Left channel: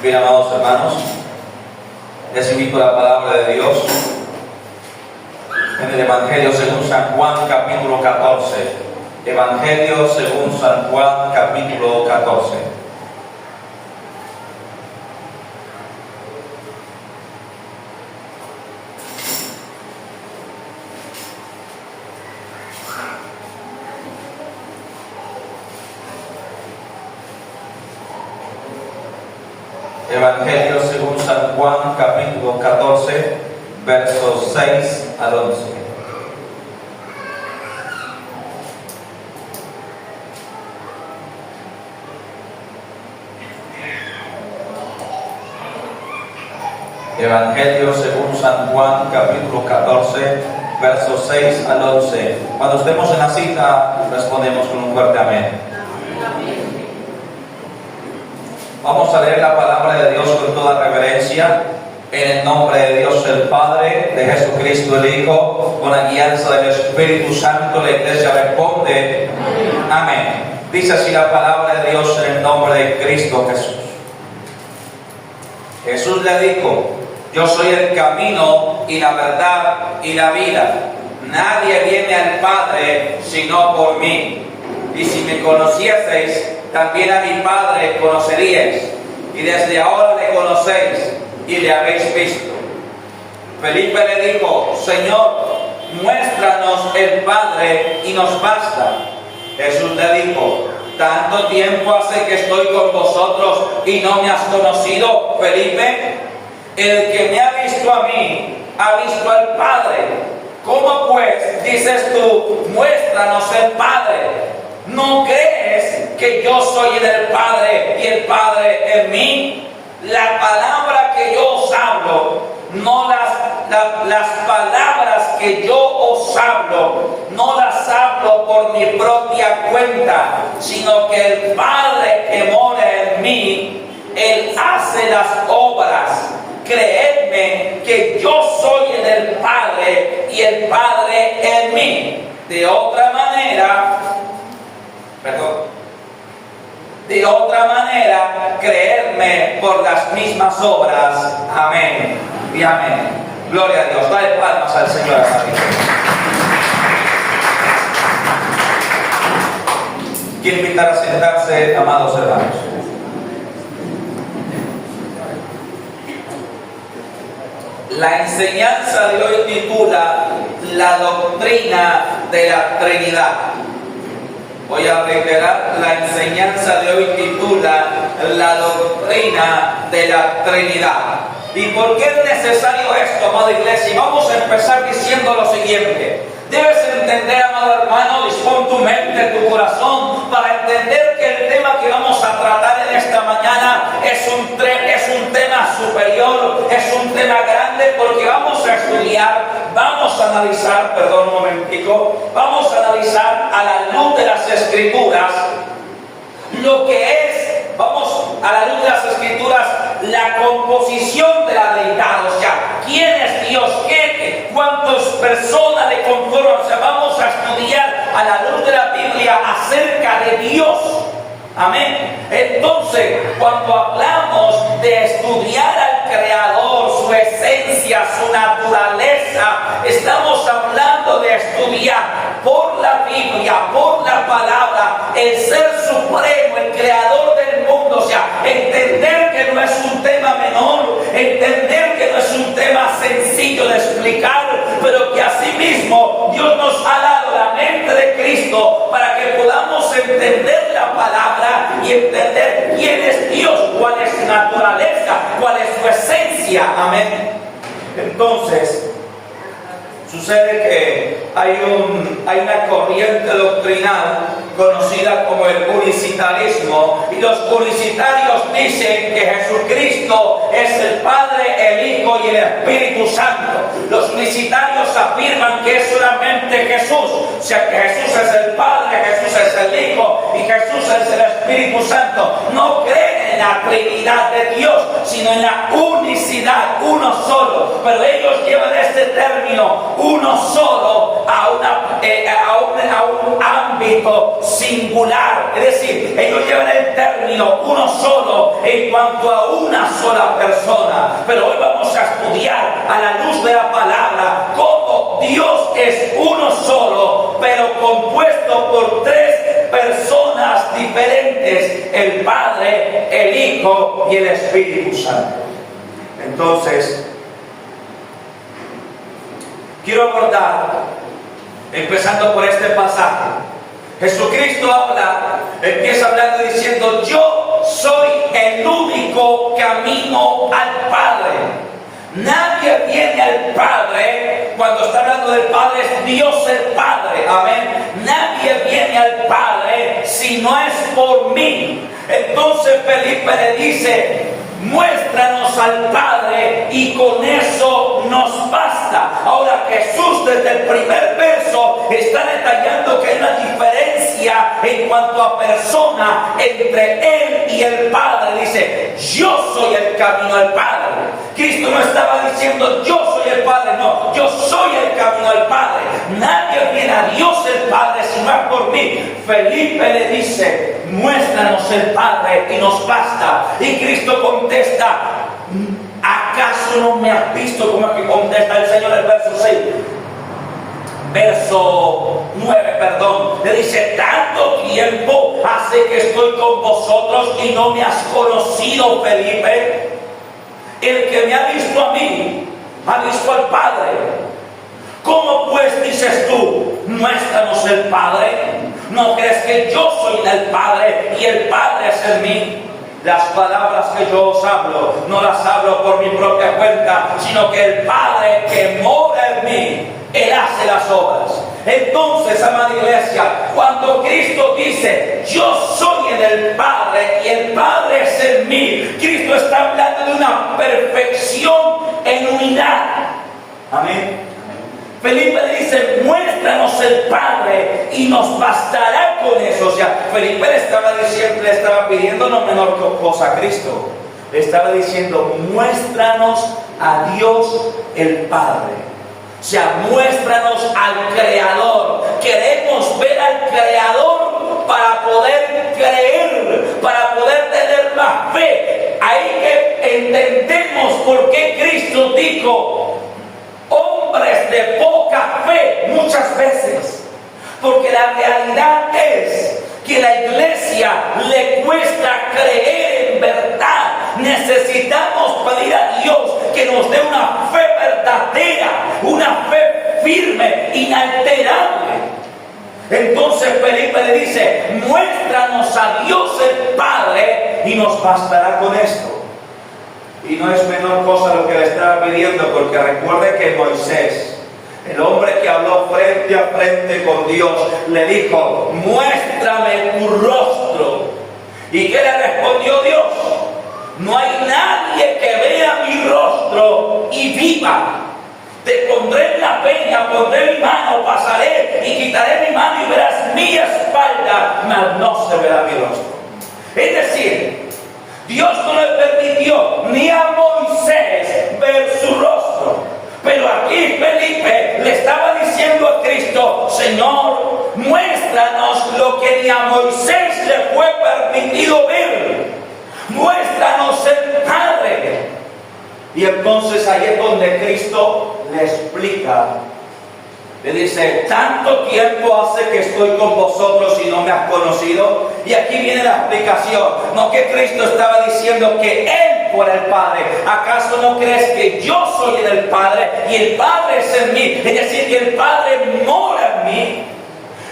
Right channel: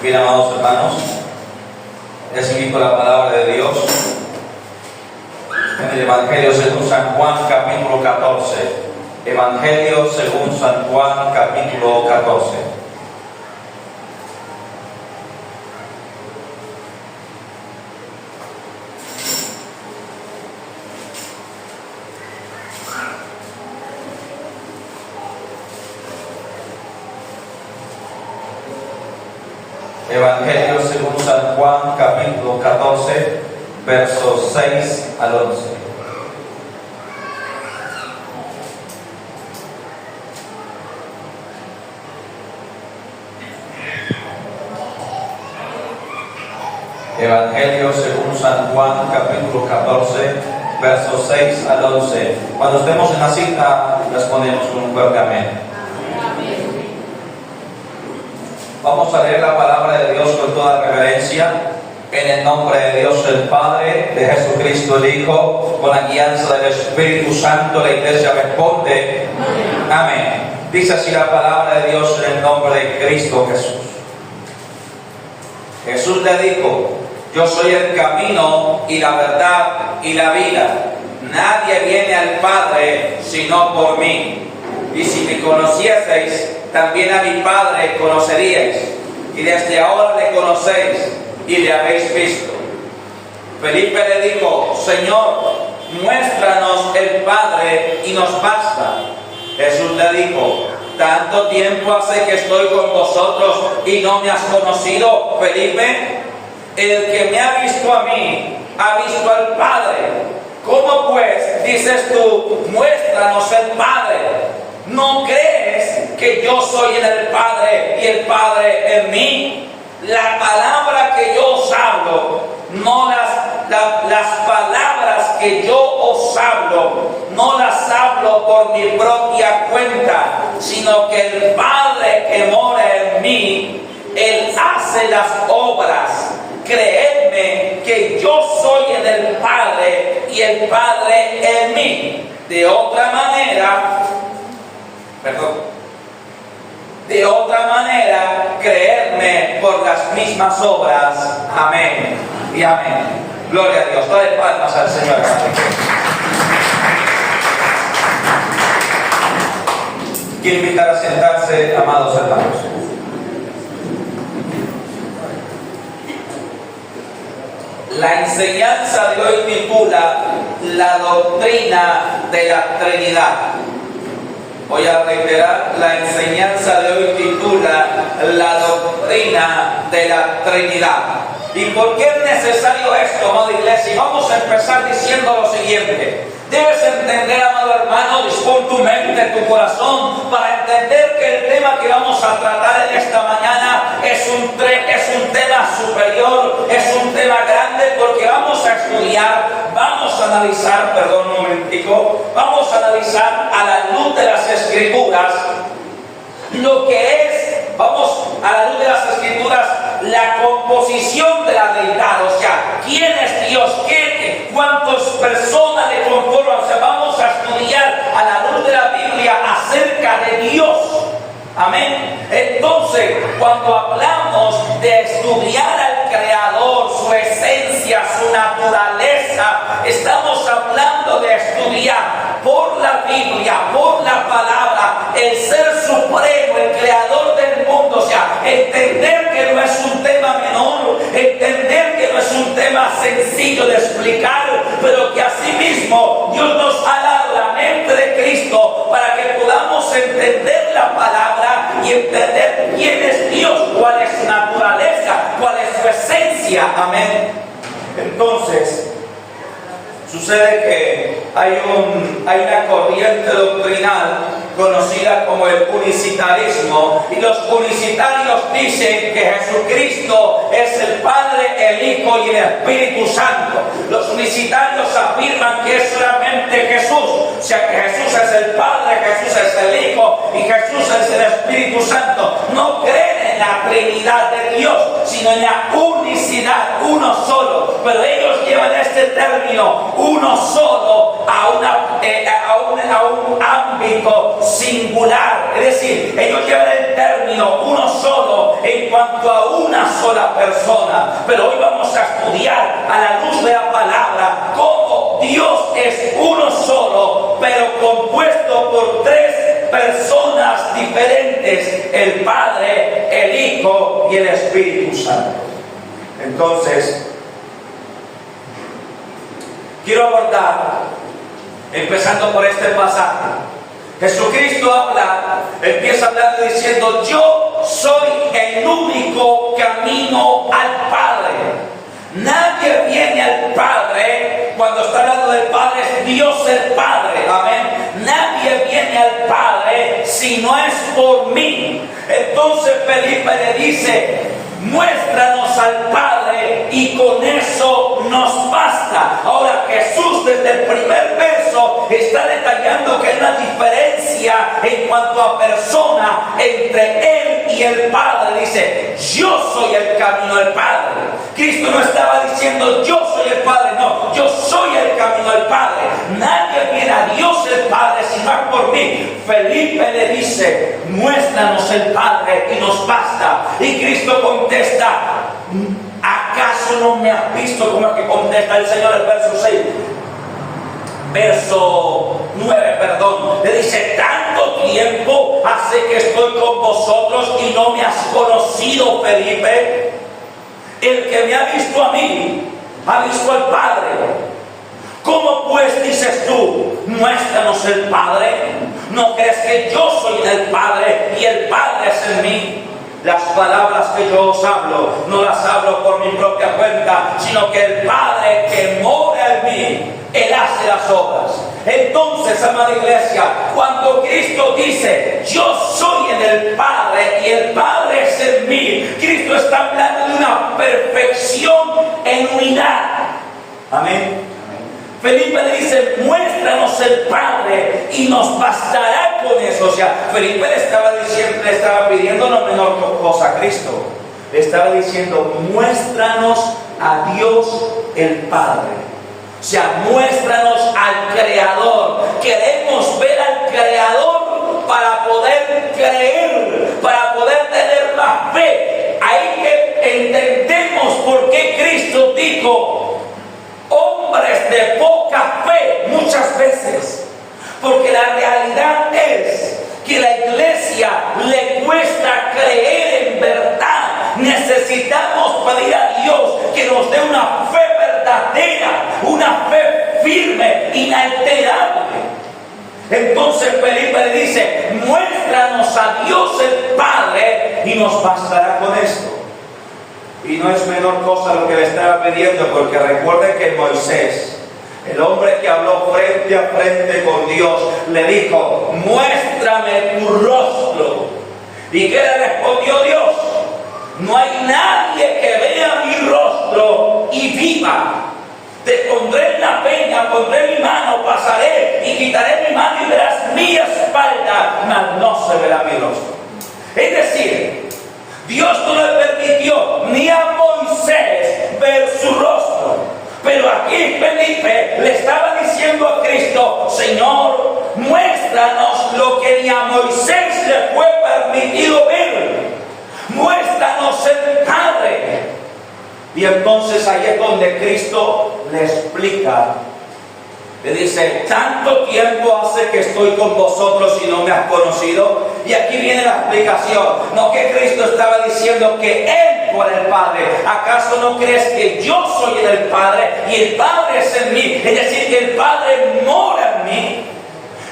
Bien, amados hermanos, les invito a la palabra de Dios en el Evangelio según San Juan, capítulo 14. Evangelio según San Juan, capítulo 14. Evangelio según San Juan, capítulo 14, versos 6 al 11. Evangelio según San Juan, capítulo 14, versos 6 al 11. Cuando estemos en la cita, respondemos con un fuerte amén. Vamos a leer la palabra de Dios con toda reverencia, en el nombre de Dios el Padre, de Jesucristo el Hijo, con la guianza del Espíritu Santo. La iglesia responde, amén. Dice así la palabra de Dios en el nombre de Cristo Jesús. Jesús le dijo: yo soy el camino y la verdad y la vida. Nadie viene al Padre sino por mí. Y si me conocieseis, también a mi Padre conoceríais, y desde ahora le conocéis y le habéis visto. Felipe le dijo: Señor, muéstranos el Padre y nos basta. Jesús le dijo: ¿tanto tiempo hace que estoy con vosotros y no me has conocido, Felipe? El que me ha visto a mí, ha visto al Padre. ¿Cómo pues dices tú, muéstranos el Padre? ¿No crees que yo soy en el Padre y el Padre en mí? La palabra que yo os hablo, no las palabras que yo os hablo, no las hablo por mi propia cuenta, sino que el Padre que mora en mí, Él hace las obras. Creedme que yo soy en el Padre y el Padre en mí. De otra manera, creedme por las mismas obras. Amén y amén. Gloria a Dios. Dale palmas al Señor. Quiero invitar a sentarse, amados hermanos. La enseñanza de hoy titula La doctrina de la Trinidad. Voy a reiterar, la enseñanza de hoy titula La doctrina de la Trinidad. ¿Y por qué es necesario esto, amada iglesia? Y vamos a empezar diciendo lo siguiente. Debes entender, amado hermano, dispón tu mente, tu corazón, para entender que el tema que vamos a tratar en esta mañana es un tema superior, es un tema grande, porque vamos a estudiar, vamos a analizar, perdón un momentico, vamos a analizar a la luz de las Escrituras lo que es, vamos a la luz de las Escrituras, la composición de la deidad, o sea, quién es Dios, cuántas personas le conforman, o sea, vamos a estudiar a la luz de la Biblia acerca de Dios. Amén. Entonces, cuando hablamos de estudiar al Creador, su esencia, su naturaleza, estamos hablando de estudiar por la Biblia, por la palabra, el ser supremo, el creador del mundo. O sea, entender que no es un tema menor, entender que no es un tema sencillo de explicar, pero que asimismo Dios nos ha dado la mente de Cristo para que podamos entender la palabra y entender quién es Dios, cuál es su naturaleza, cuál es su esencia. Amén. Entonces, sucede que hay una corriente doctrinal conocida como el unicitarismo, y los unicitarios dicen que Jesucristo es el Padre, el Hijo y el Espíritu Santo. Los unicitarios afirman que es solamente Jesús, o sea que Jesús es el Padre, Jesús es el Hijo y Jesús es el Espíritu Santo. No creen en la Trinidad de Dios, sino en la unicidad, uno solo. Pero ellos llevan este término, uno solo, a un ámbito singular. Es decir, ellos llevan el término uno solo en cuanto a una sola persona. Pero hoy vamos a estudiar a la luz de la palabra cómo Dios es uno solo, pero compuesto por tres personas diferentes: el Padre, el Hijo y el Espíritu Santo. Entonces, quiero abordar, empezando por este pasaje. Jesucristo empieza hablando diciendo: yo soy el único camino al Padre. Nadie viene al Padre. Cuando está hablando del Padre, es Dios el Padre, amén. Nadie viene al Padre si no es por mí. Entonces Felipe le dice: muéstranos al Padre y con eso nos basta. Ahora Jesús desde el primer verso está detallando que hay una diferencia en cuanto a persona entre Él y el Padre. Dice: yo soy el camino al Padre. Cristo no estaba diciendo yo soy el Padre, no, yo soy el camino al Padre. Nadie viene a Dios el Padre si no es por mí. Felipe le dice: muéstranos el Padre y nos basta. Y Cristo contesta: ¿acaso no me has visto? Como es que contesta el Señor el verso 6? Verso 9, perdón. Le dice: tanto tiempo hace que estoy con vosotros y no me has conocido, Felipe. El que me ha visto a mí, ha visto al Padre. ¿Cómo pues dices tú: muéstranos el Padre? ¿No crees que yo soy del Padre y el Padre es en mí? Las palabras que yo os hablo, no las hablo por mi propia cuenta, sino que el Padre que mora en mí, Él hace las obras. Entonces, amada iglesia, cuando Cristo dice: yo soy en el Padre y el Padre es en mí, Cristo está hablando de una perfección en unidad. Amén. Felipe le dice: muéstranos el Padre y nos bastará con eso. O sea, Felipe le estaba pidiendo no menor cosa a Cristo. Le estaba diciendo: muéstranos a Dios el Padre. O sea, muéstranos al Creador. Queremos ver al Creador para poder creer, para poder tener más fe. Ahí que entendemos por qué Cristo dijo: hombres de poca fe, muchas veces. Porque la realidad es que la iglesia le cuesta creer en verdad. Necesitamos pedir a Dios que nos dé una fe verdadera, una fe firme, inalterable. Entonces Felipe le dice: muéstranos a Dios el Padre y nos bastará con esto. Y no es menor cosa lo que le estaba pidiendo, porque recuerde que Moisés, el hombre que habló frente a frente con Dios, le dijo: muéstrame tu rostro. ¿Y qué le respondió Dios? No hay nadie que vea mi rostro y viva. Te pondré en la peña, pondré mi mano, pasaré y quitaré mi mano y verás mi espalda, mas no se verá mi rostro. Es decir, Dios no le permitió ni a Moisés ver su rostro. Pero aquí Felipe le estaba diciendo a Cristo: Señor, muéstranos lo que ni a Moisés le fue permitido ver. Muéstranos el Padre. Y entonces ahí es donde Cristo le explica. Le dice: tanto tiempo hace que estoy con vosotros y no me has conocido. Y aquí viene la explicación. No que Cristo estaba diciendo que Él fuera el Padre. ¿Acaso no crees que yo soy en el Padre y el Padre es en mí? Es decir, que el Padre mora en mí.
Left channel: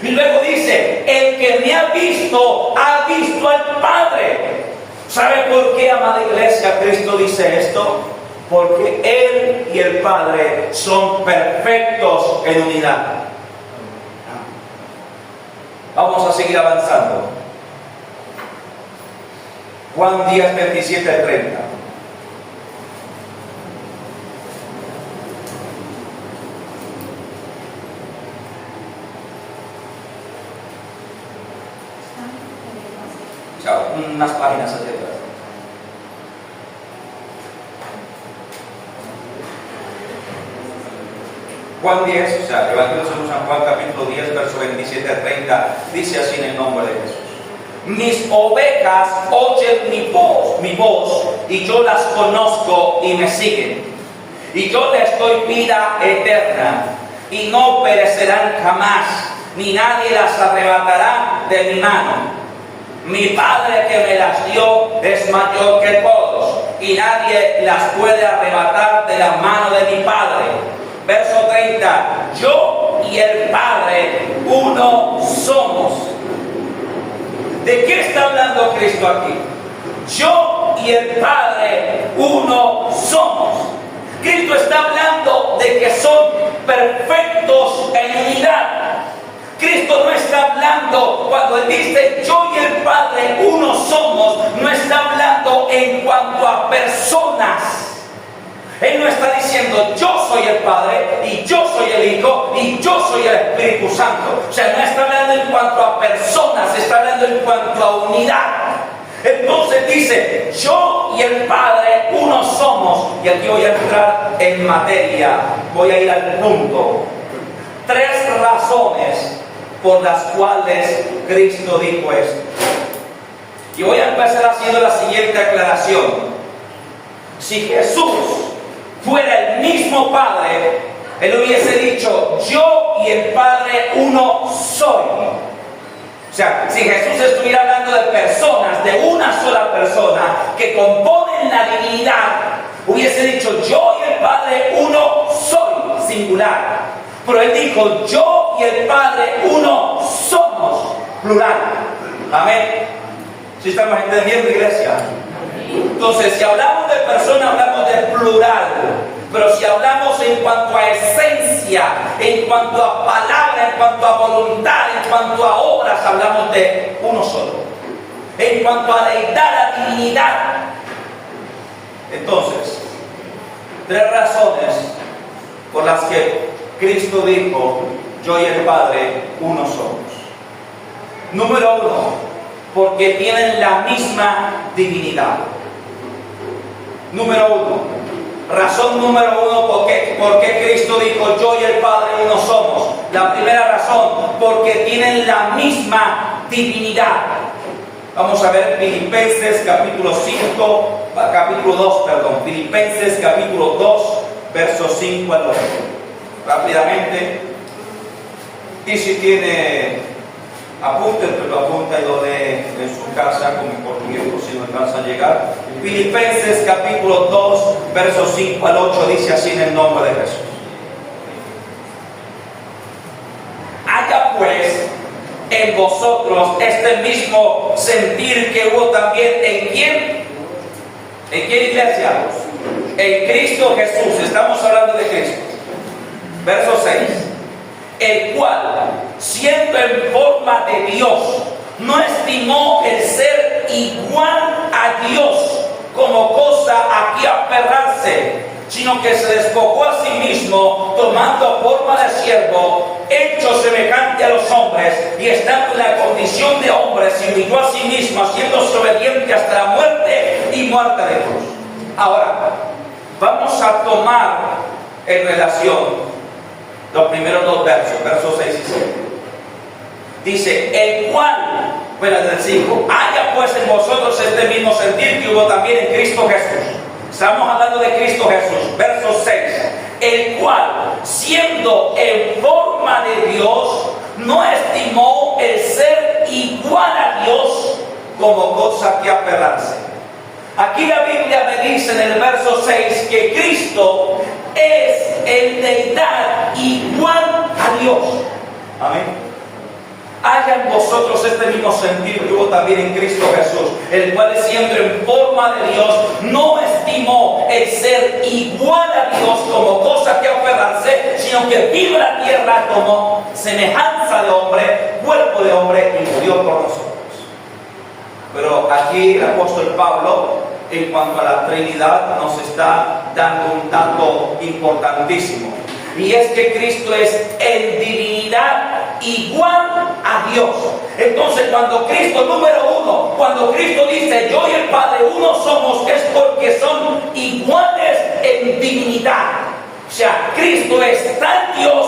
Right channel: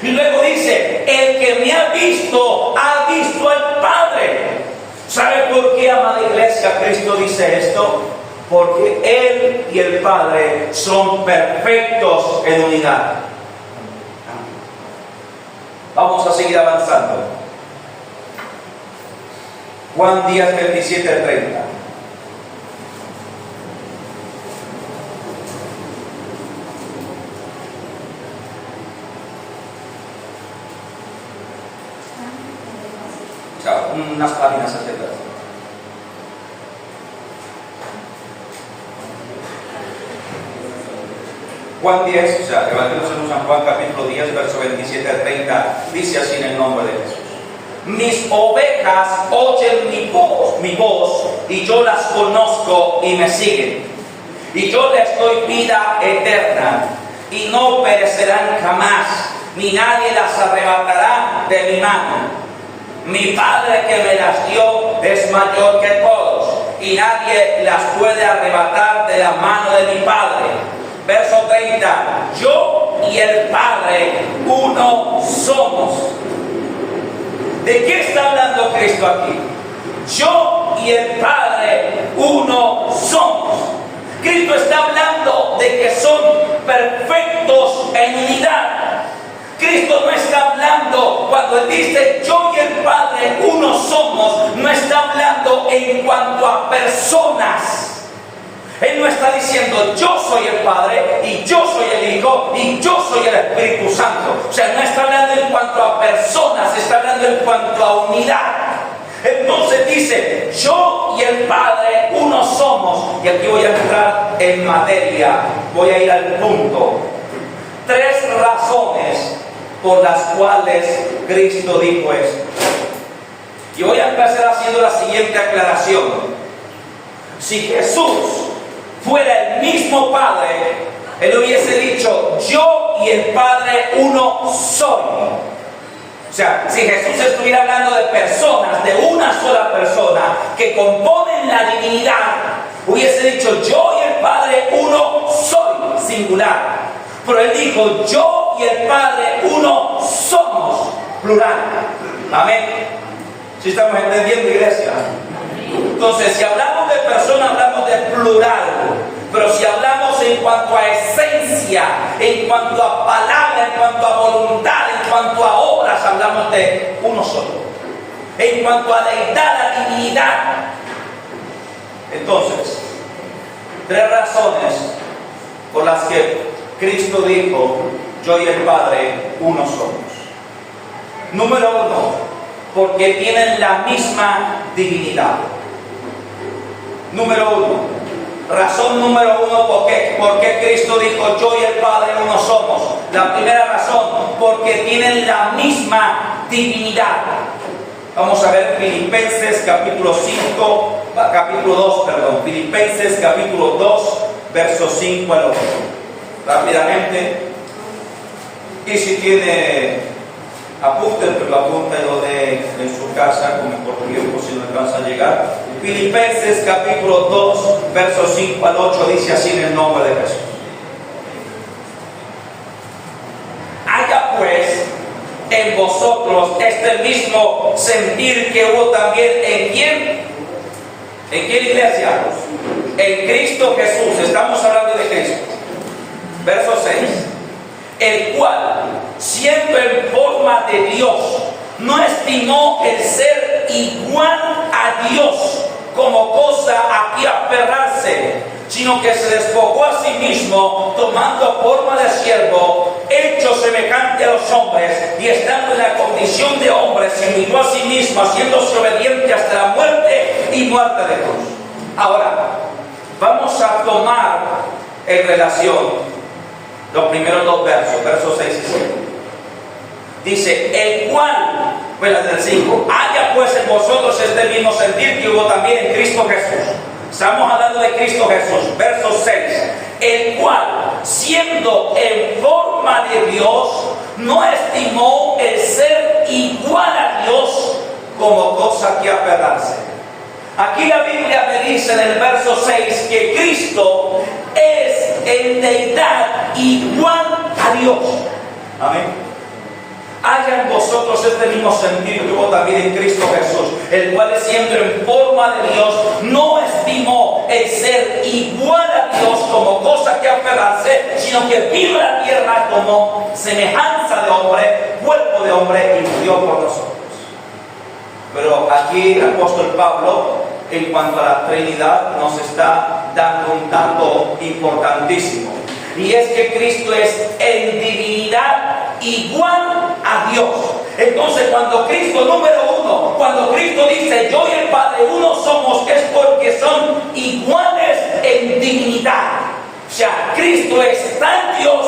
Y luego dice: el que me ha visto al Padre. ¿Sabe por qué, amada iglesia, Cristo dice esto? Porque Él y el Padre son perfectos en unidad. Vamos a seguir avanzando. Juan 10, 27, 30. Chao, unas páginas hacia atrás. Juan 10, o sea, Evangelio según San Juan capítulo 10, verso 27 al 30, dice así en el nombre de Jesús. Mis ovejas oyen mi voz, y yo las conozco y me siguen. Y yo les doy vida eterna, y no perecerán jamás, ni nadie las arrebatará de mi mano. Mi Padre que me las dio es mayor que todos, y nadie las puede arrebatar de la mano de mi Padre. Verso 30, yo y el Padre uno somos. ¿De qué está hablando Cristo aquí? Yo y el Padre uno somos. Cristo está hablando de que son perfectos en unidad. Cristo no está hablando, cuando Él dice yo y el Padre uno somos, no está hablando en cuanto a personas. Él no está diciendo yo soy el Padre y yo soy el Hijo y yo soy el Espíritu Santo. O sea, no está hablando en cuanto a personas, está hablando en cuanto a unidad. Entonces dice yo y el Padre uno somos. Y aquí voy a entrar en materia, voy a ir al punto. 3 razones por las cuales Cristo dijo esto. Y voy a empezar haciendo la siguiente aclaración. Si Jesús fuera el mismo Padre, Él hubiese dicho yo y el Padre uno soy. O sea, si Jesús estuviera hablando de personas, de una sola persona que componen la divinidad, hubiese dicho yo y el Padre uno soy, singular. Pero Él dijo yo y el Padre uno somos, plural. Amén. ¿Sí estamos entendiendo, iglesia? Entonces, si hablamos de persona, hablamos de plural. Pero si hablamos en cuanto a esencia, en cuanto a palabra, en cuanto a voluntad, en cuanto a obras, hablamos de uno solo. En cuanto a deidad, a divinidad. Entonces, 3 razones por las que Cristo dijo yo y el Padre uno somos. Número 1, porque tienen la misma divinidad. Número 1. Razón número 1, ¿por qué Cristo dijo yo y el Padre uno somos? La primera razón, porque tienen la misma divinidad. Vamos a ver Filipenses capítulo 2, Filipenses capítulo 2, versos 5 al 8. Rápidamente. Y si tiene apunten, pero apunta y lo de en su casa, como por tiempo si no alcanza a llegar. Filipenses capítulo 2, versos 5 al 8, dice así en el nombre de Jesús. Haya pues en vosotros este mismo sentir que hubo también en quién. ¿En quién, iglesia? En Cristo Jesús. Estamos hablando de Cristo. Verso 6. El cual, siendo en forma de Dios, no estimó el ser igual a Dios como cosa a que aferrarse, sino que se despojó a sí mismo, tomando forma de siervo, hecho semejante a los hombres, y estando en la condición de hombre, se humilló a sí mismo, haciéndose obediente hasta la muerte y muerte de cruz. Ahora, vamos a tomar en relación los primeros 2 versos, versos 6 y 7. Dice, el cual, pues la del 5, haya pues en vosotros este mismo sentir que hubo también en Cristo Jesús. Estamos hablando de Cristo Jesús. Verso 6, el cual, siendo en forma de Dios, no estimó el ser igual a Dios como cosa que aferrarse. Aquí la Biblia me dice en el verso 6 que Cristo es en deidad igual a Dios. Amén. Haya en vosotros este mismo sentir que hubo también en Cristo Jesús, el cual siendo en forma de Dios no estimó el ser igual a Dios como cosa que aferrarse, sino que vino a la tierra como semejanza de hombre, cuerpo de hombre, y murió por nosotros. Pero aquí el apóstol Pablo, en cuanto a la Trinidad, nos está dando un dato importantísimo, y es que Cristo es en divinidad igual a Dios. Entonces, cuando Cristo, número 1, cuando Cristo dice yo y el Padre uno somos, es porque son iguales en divinidad. O sea, Cristo es tan Dios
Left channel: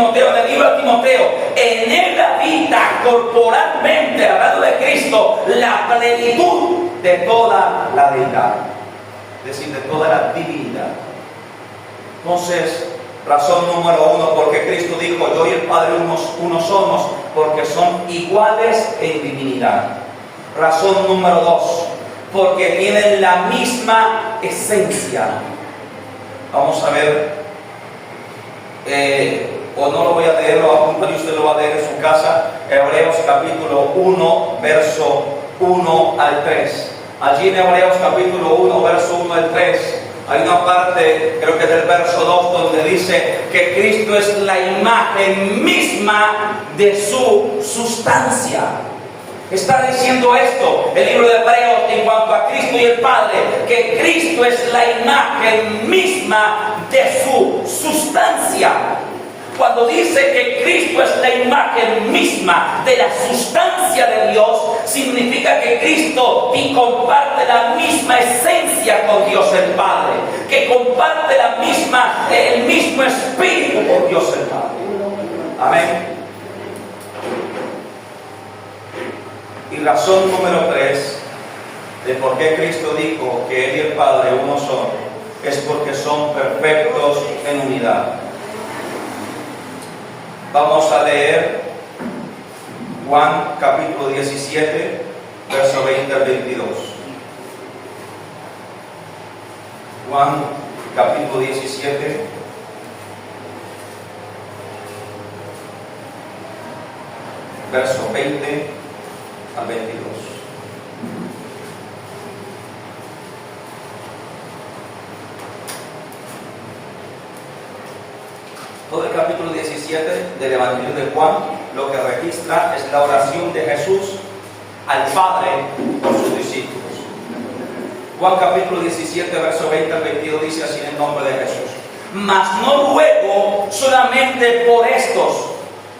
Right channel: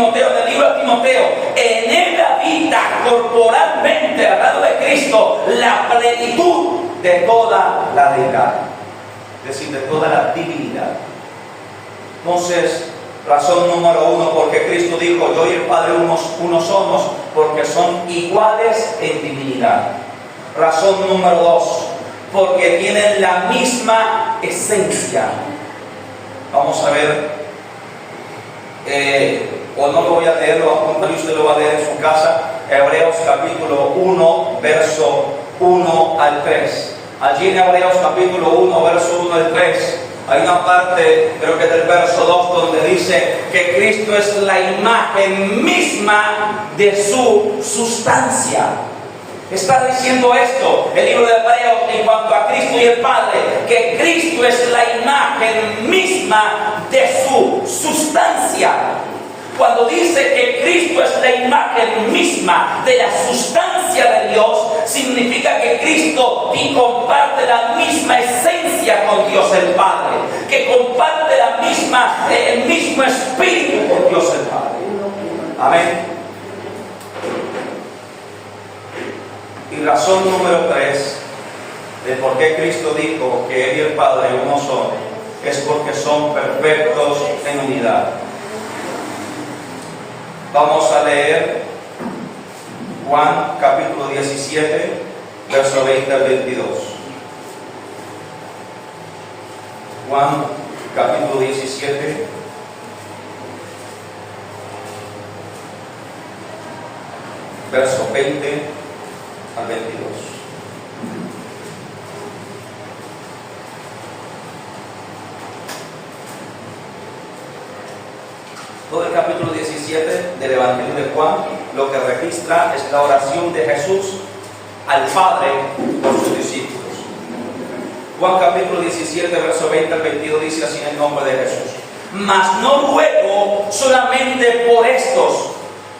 Timoteo, en el libro de Timoteo, en él habita corporalmente, hablando de Cristo, la plenitud de toda la deidad, es decir, de toda la divinidad. Entonces, razón número 1, porque Cristo dijo, yo y el Padre uno somos, porque son iguales en divinidad. Razón número 2, porque tienen la misma esencia. Vamos a ver, o no lo voy a leer, lo voy a apuntar y usted lo va a leer en su casa. Hebreos capítulo 1, verso 1 al 3. Allí en Hebreos capítulo 1, verso 1 al 3, hay una parte, creo que del verso 2, donde dice que Cristo es la imagen misma de su sustancia. Está diciendo esto el libro de Hebreos en cuanto a Cristo y el Padre, que Cristo es la imagen misma de su sustancia. Cuando dice que Cristo es la imagen misma de la sustancia de Dios, significa que Cristo comparte la misma esencia con Dios el Padre, que comparte el mismo espíritu con Dios el Padre. Amén. Y razón número 3 de por qué Cristo dijo que Él y el Padre uno son, es porque son perfectos en unidad. Vamos a leer Juan capítulo 17, verso 20 al 22. Juan capítulo 17, verso 20 al 22. Todo el capítulo 17 del Evangelio de Juan lo que registra es la oración de Jesús al Padre por sus discípulos. Juan capítulo 17, verso 20 al 22 dice así en el nombre de Jesús: mas no ruego solamente por estos,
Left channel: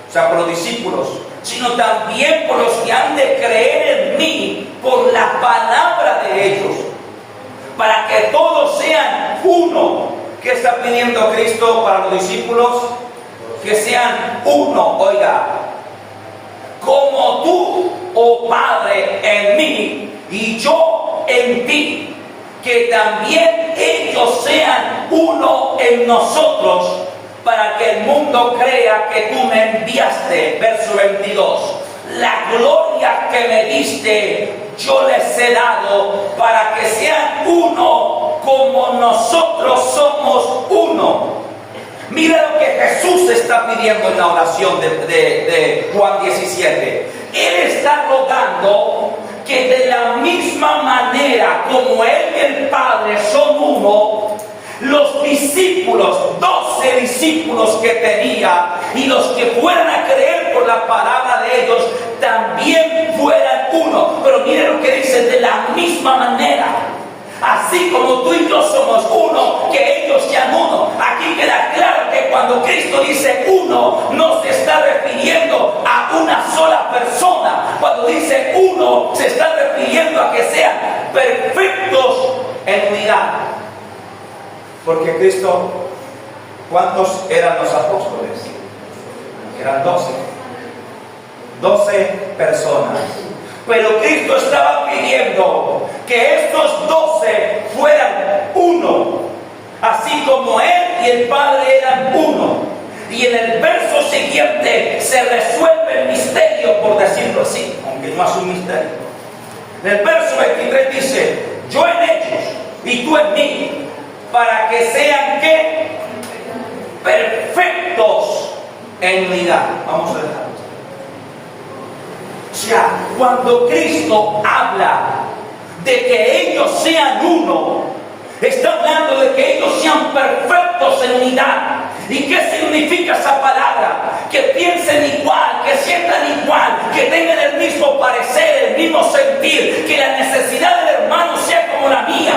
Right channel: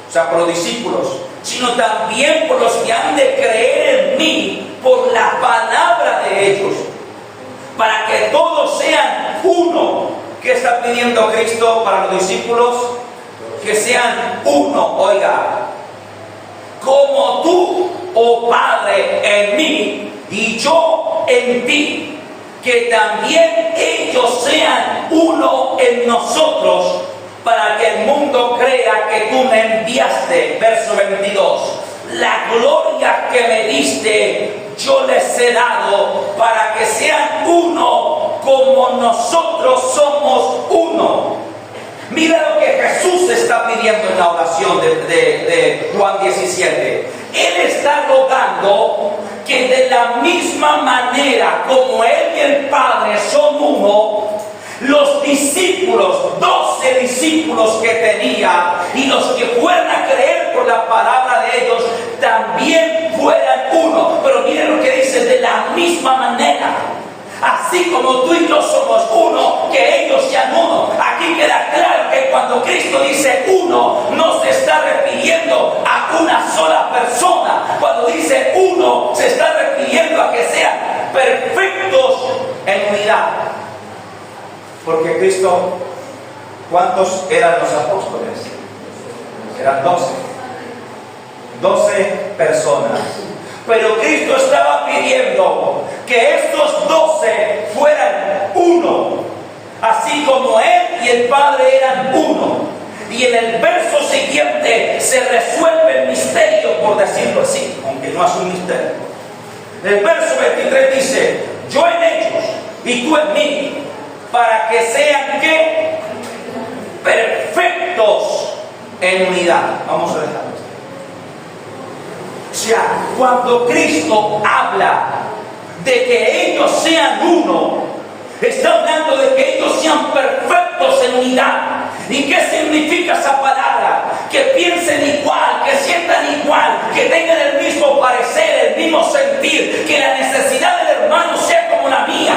o sea, por los discípulos, sino también por los que han de creer en mí por la palabra de ellos, para que todos sean uno. ¿Qué está pidiendo Cristo para los discípulos? Que sean uno. Oiga, como tú, oh Padre, en mí y yo en ti, que también ellos sean uno en nosotros, para que el mundo crea que tú me enviaste. Verso 22. La gloria que me diste yo les he dado, para que sean uno como nosotros somos uno. Mira lo que Jesús está pidiendo en la oración de Juan 17. Él está rogando que de la misma manera como Él y el Padre son uno, los discípulos, 12 discípulos que tenía, y los que fueran a creer por la palabra de ellos, también fueran uno. Pero miren lo que dice: de la misma manera, así como tú y yo somos uno, que ellos sean uno. Aquí queda claro que cuando Cristo dice uno, no se está refiriendo a una sola persona. Cuando dice uno, se está refiriendo a que sean perfectos en unidad. Porque Cristo, ¿cuántos eran los apóstoles? Eran 12. 12 personas. Pero Cristo estaba pidiendo que estos 12 fueran uno, así como Él y el Padre eran uno. Y en el verso siguiente se resuelve el misterio, por decirlo así, aunque no es un misterio. En el verso 23 dice: yo en ellos y tú en mí, para que sean ¿qué? Perfectos en unidad. Vamos a dejarlo. O sea, cuando Cristo habla de que ellos sean uno, está hablando de que ellos sean perfectos en unidad. ¿Y qué significa esa palabra? Que piensen igual, que sientan igual, que tengan el mismo parecer, el mismo sentir, que la necesidad del hermano sea como la mía.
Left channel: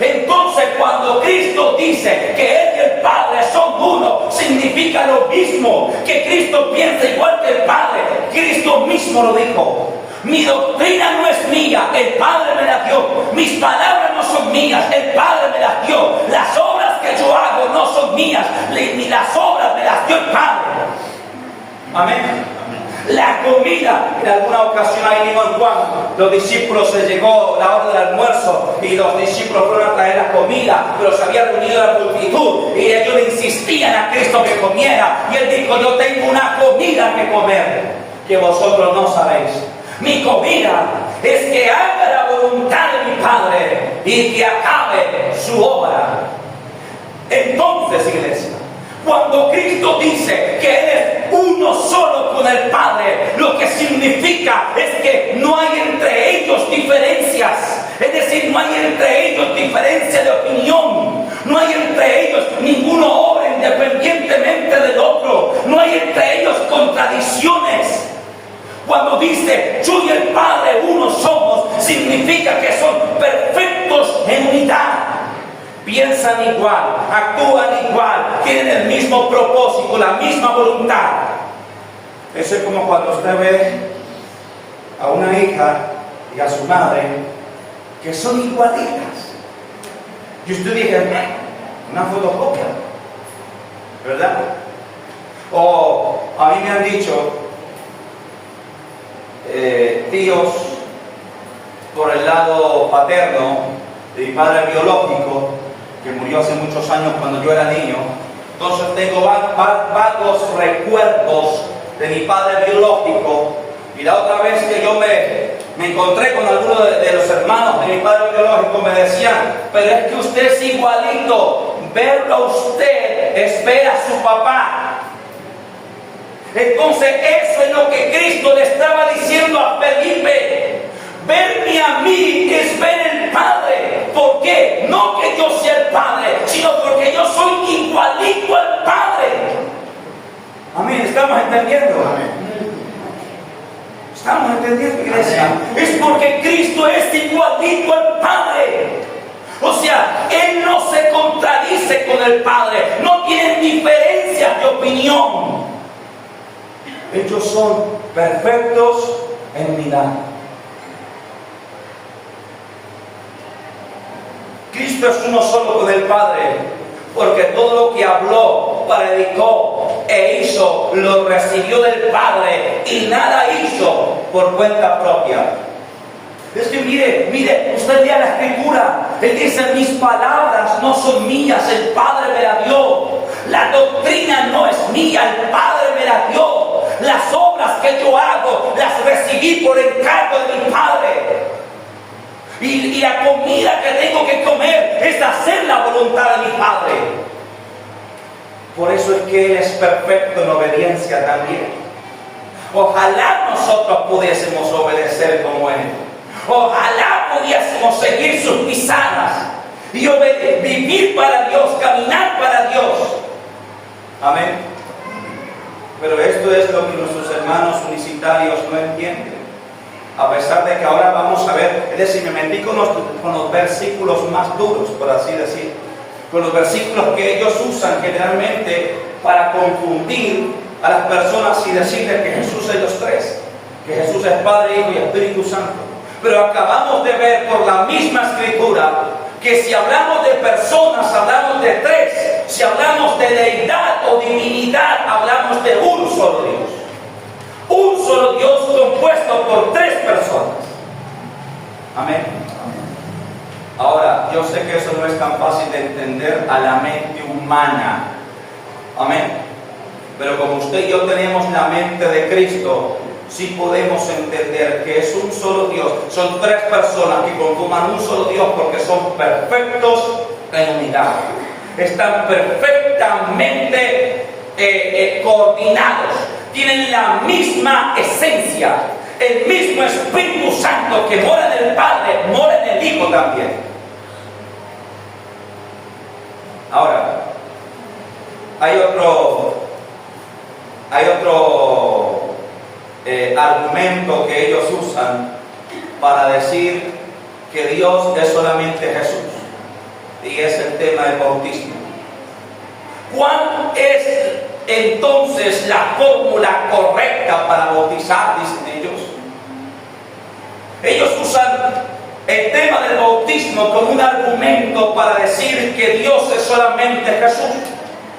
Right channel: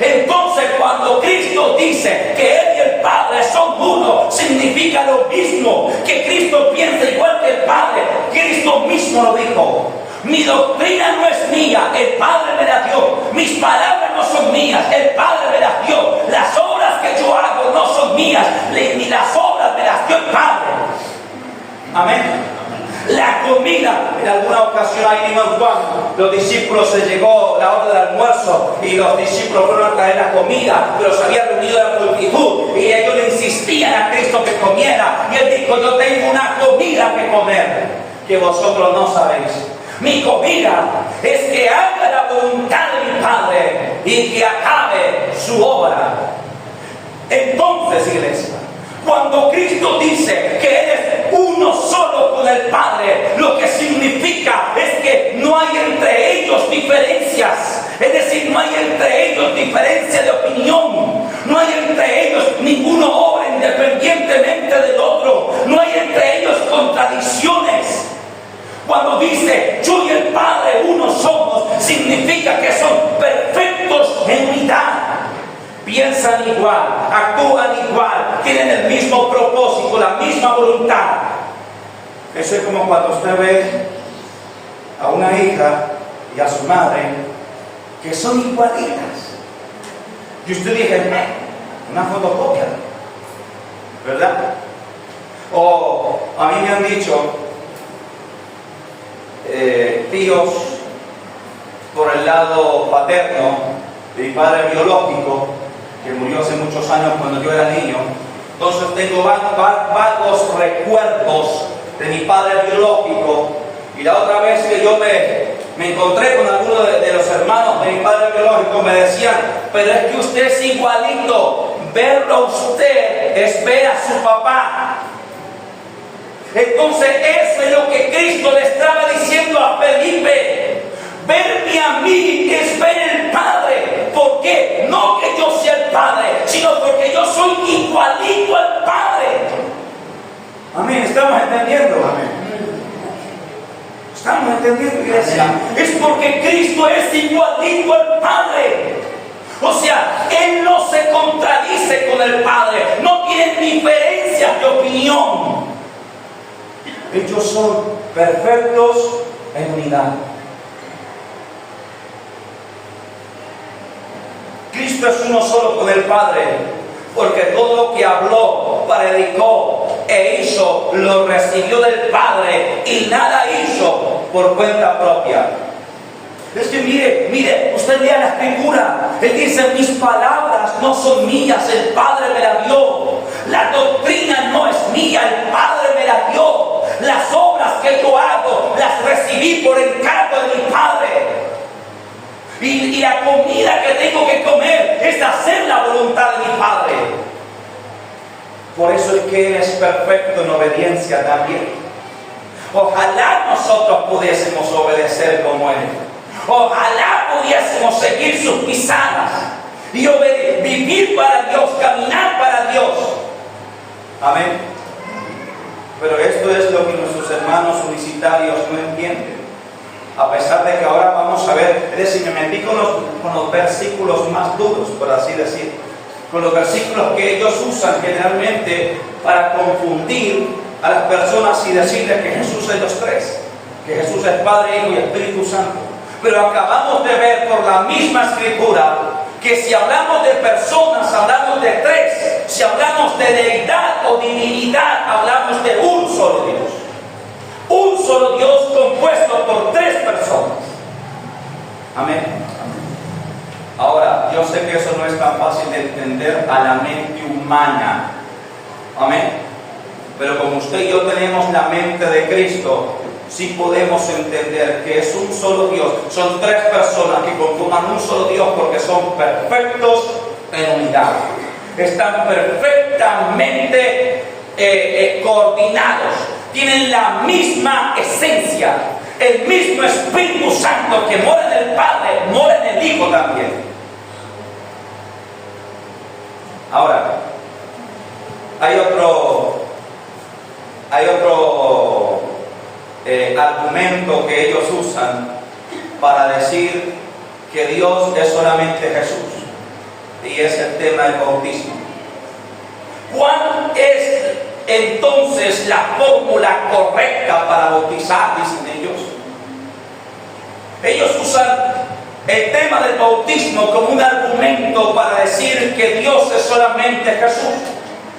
Entonces, cuando Cristo dice que Él y el Padre son uno, significa lo mismo, que Cristo piensa igual que el Padre. Cristo mismo lo dijo: mi doctrina no es mía, el Padre me la dio. Mis palabras no son mías, el Padre me las dio. Las obras que yo hago no son mías, ni las obras me las dio el Padre. Amén. La comida, en alguna ocasión ahí en Juan, los discípulos se llegó la hora del almuerzo y los discípulos fueron a traer la comida, pero se había reunido la multitud y ellos le insistían a Cristo que comiera y él dijo: yo tengo una comida que comer que vosotros no sabéis. Mi comida es que haga la voluntad de mi Padre y que acabe su obra. Entonces, iglesia, cuando Cristo dice que Él es uno solo con el Padre, lo que significa es que no hay entre ellos diferencias. Es decir, no hay entre ellos diferencia de opinión. No hay entre ellos ninguno obra independientemente del otro. No hay entre ellos contradicciones. Cuando dice yo y el Padre uno somos, significa que son perfectos en unidad. Piensan igual, actúan igual, tienen el mismo propósito, la misma voluntad. Eso es como cuando usted ve a una hija y a su madre que son igualitas. Y usted dice: una fotocopia, ¿verdad? O a mí me han dicho tíos por el lado paterno de mi padre biológico, que murió hace muchos años cuando yo era niño. Entonces tengo vagos recuerdos de mi padre biológico. Y la otra vez que yo me encontré con alguno de los hermanos de mi padre biológico, me decían: pero es que usted es igualito, verlo a usted es ver a su papá. Entonces eso es lo que Cristo le estaba diciendo a Felipe: verme a mí es ver el Padre. ¿Por qué? No que yo sea el Padre, sino porque yo soy igualito al Padre. Amén, ¿estamos entendiendo? ¿Estamos entendiendo, iglesia? Es porque Cristo es igualito al Padre. O sea, Él no se contradice con el Padre, no tienen diferencias de opinión. Ellos son perfectos en unidad. Cristo es uno solo con el Padre, porque todo lo que habló, predicó e hizo, lo recibió del Padre y nada hizo por cuenta propia. Es que mire, usted lea la Escritura, Él dice: mis palabras no son mías, el Padre me las dio. La doctrina no es mía, el Padre me la dio. Las obras que yo hago, las recibí por encargo de mi Padre. Y la comida que tengo que comer es hacer la voluntad de mi Padre. Por eso es que Él es perfecto en obediencia también. Ojalá nosotros pudiésemos obedecer como Él. Ojalá pudiésemos seguir sus pisadas y vivir para Dios, caminar para Dios. Amén. Pero esto es lo que nuestros hermanos unicitarios no entienden. A pesar de que ahora vamos a ver, es decir, me metí con los versículos más duros, por así decir, con los versículos que ellos usan generalmente para confundir a las personas y decirles que Jesús es los tres, que Jesús es Padre, Hijo y Espíritu Santo. Pero acabamos de ver por la misma Escritura que si hablamos de personas, hablamos de tres. Si hablamos de deidad o divinidad, hablamos de un solo Dios. Un solo Dios compuesto por tres personas. Amén. Ahora, yo sé que eso no es tan fácil de entender a la mente humana. Amén. Pero como usted y yo tenemos la mente de Cristo, sí podemos entender que es un solo Dios. Son tres personas que conforman un solo Dios porque son perfectos en unidad. Están perfectamente coordinados. Tienen la misma esencia. El mismo Espíritu Santo que mora en el Padre, mora en el Hijo también. Ahora, hay otro argumento que ellos usan para decir que Dios es solamente Jesús, y es el tema del bautismo. ¿Cuál es entonces la fórmula correcta para bautizar? Dicen ellos. Ellos usan el tema del bautismo como un argumento para decir que Dios es solamente Jesús.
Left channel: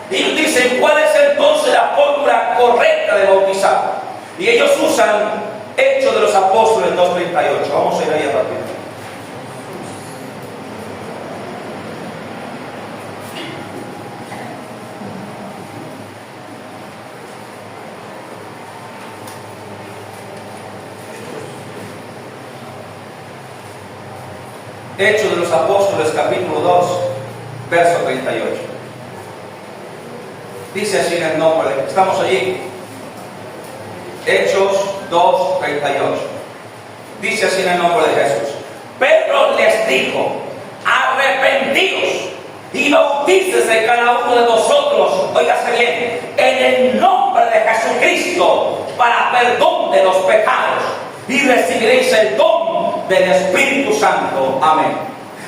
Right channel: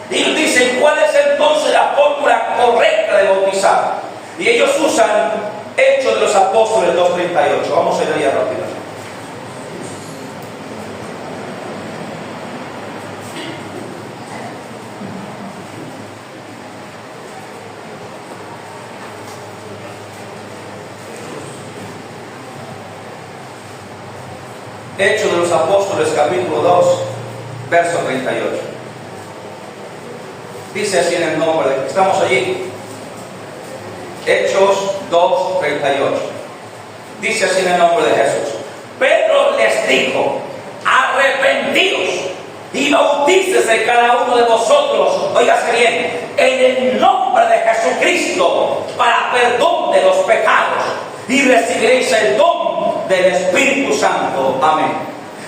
Y ellos dicen, ¿cuál es entonces la fórmula correcta de bautizar? Y ellos usan Hechos de los Apóstoles 2:38. Vamos a ir allá rápido. Hechos de los Apóstoles, capítulo 2, verso 38. Dice así en el nombre de... ¿Estamos allí? Hechos 2, 38. Dice así en el nombre de Jesús. Pedro les dijo, arrepentíos y bautícese cada uno de vosotros, óigase bien, en el nombre de Jesucristo, para perdón de los pecados, y recibiréis el don del Espíritu Santo. Amén.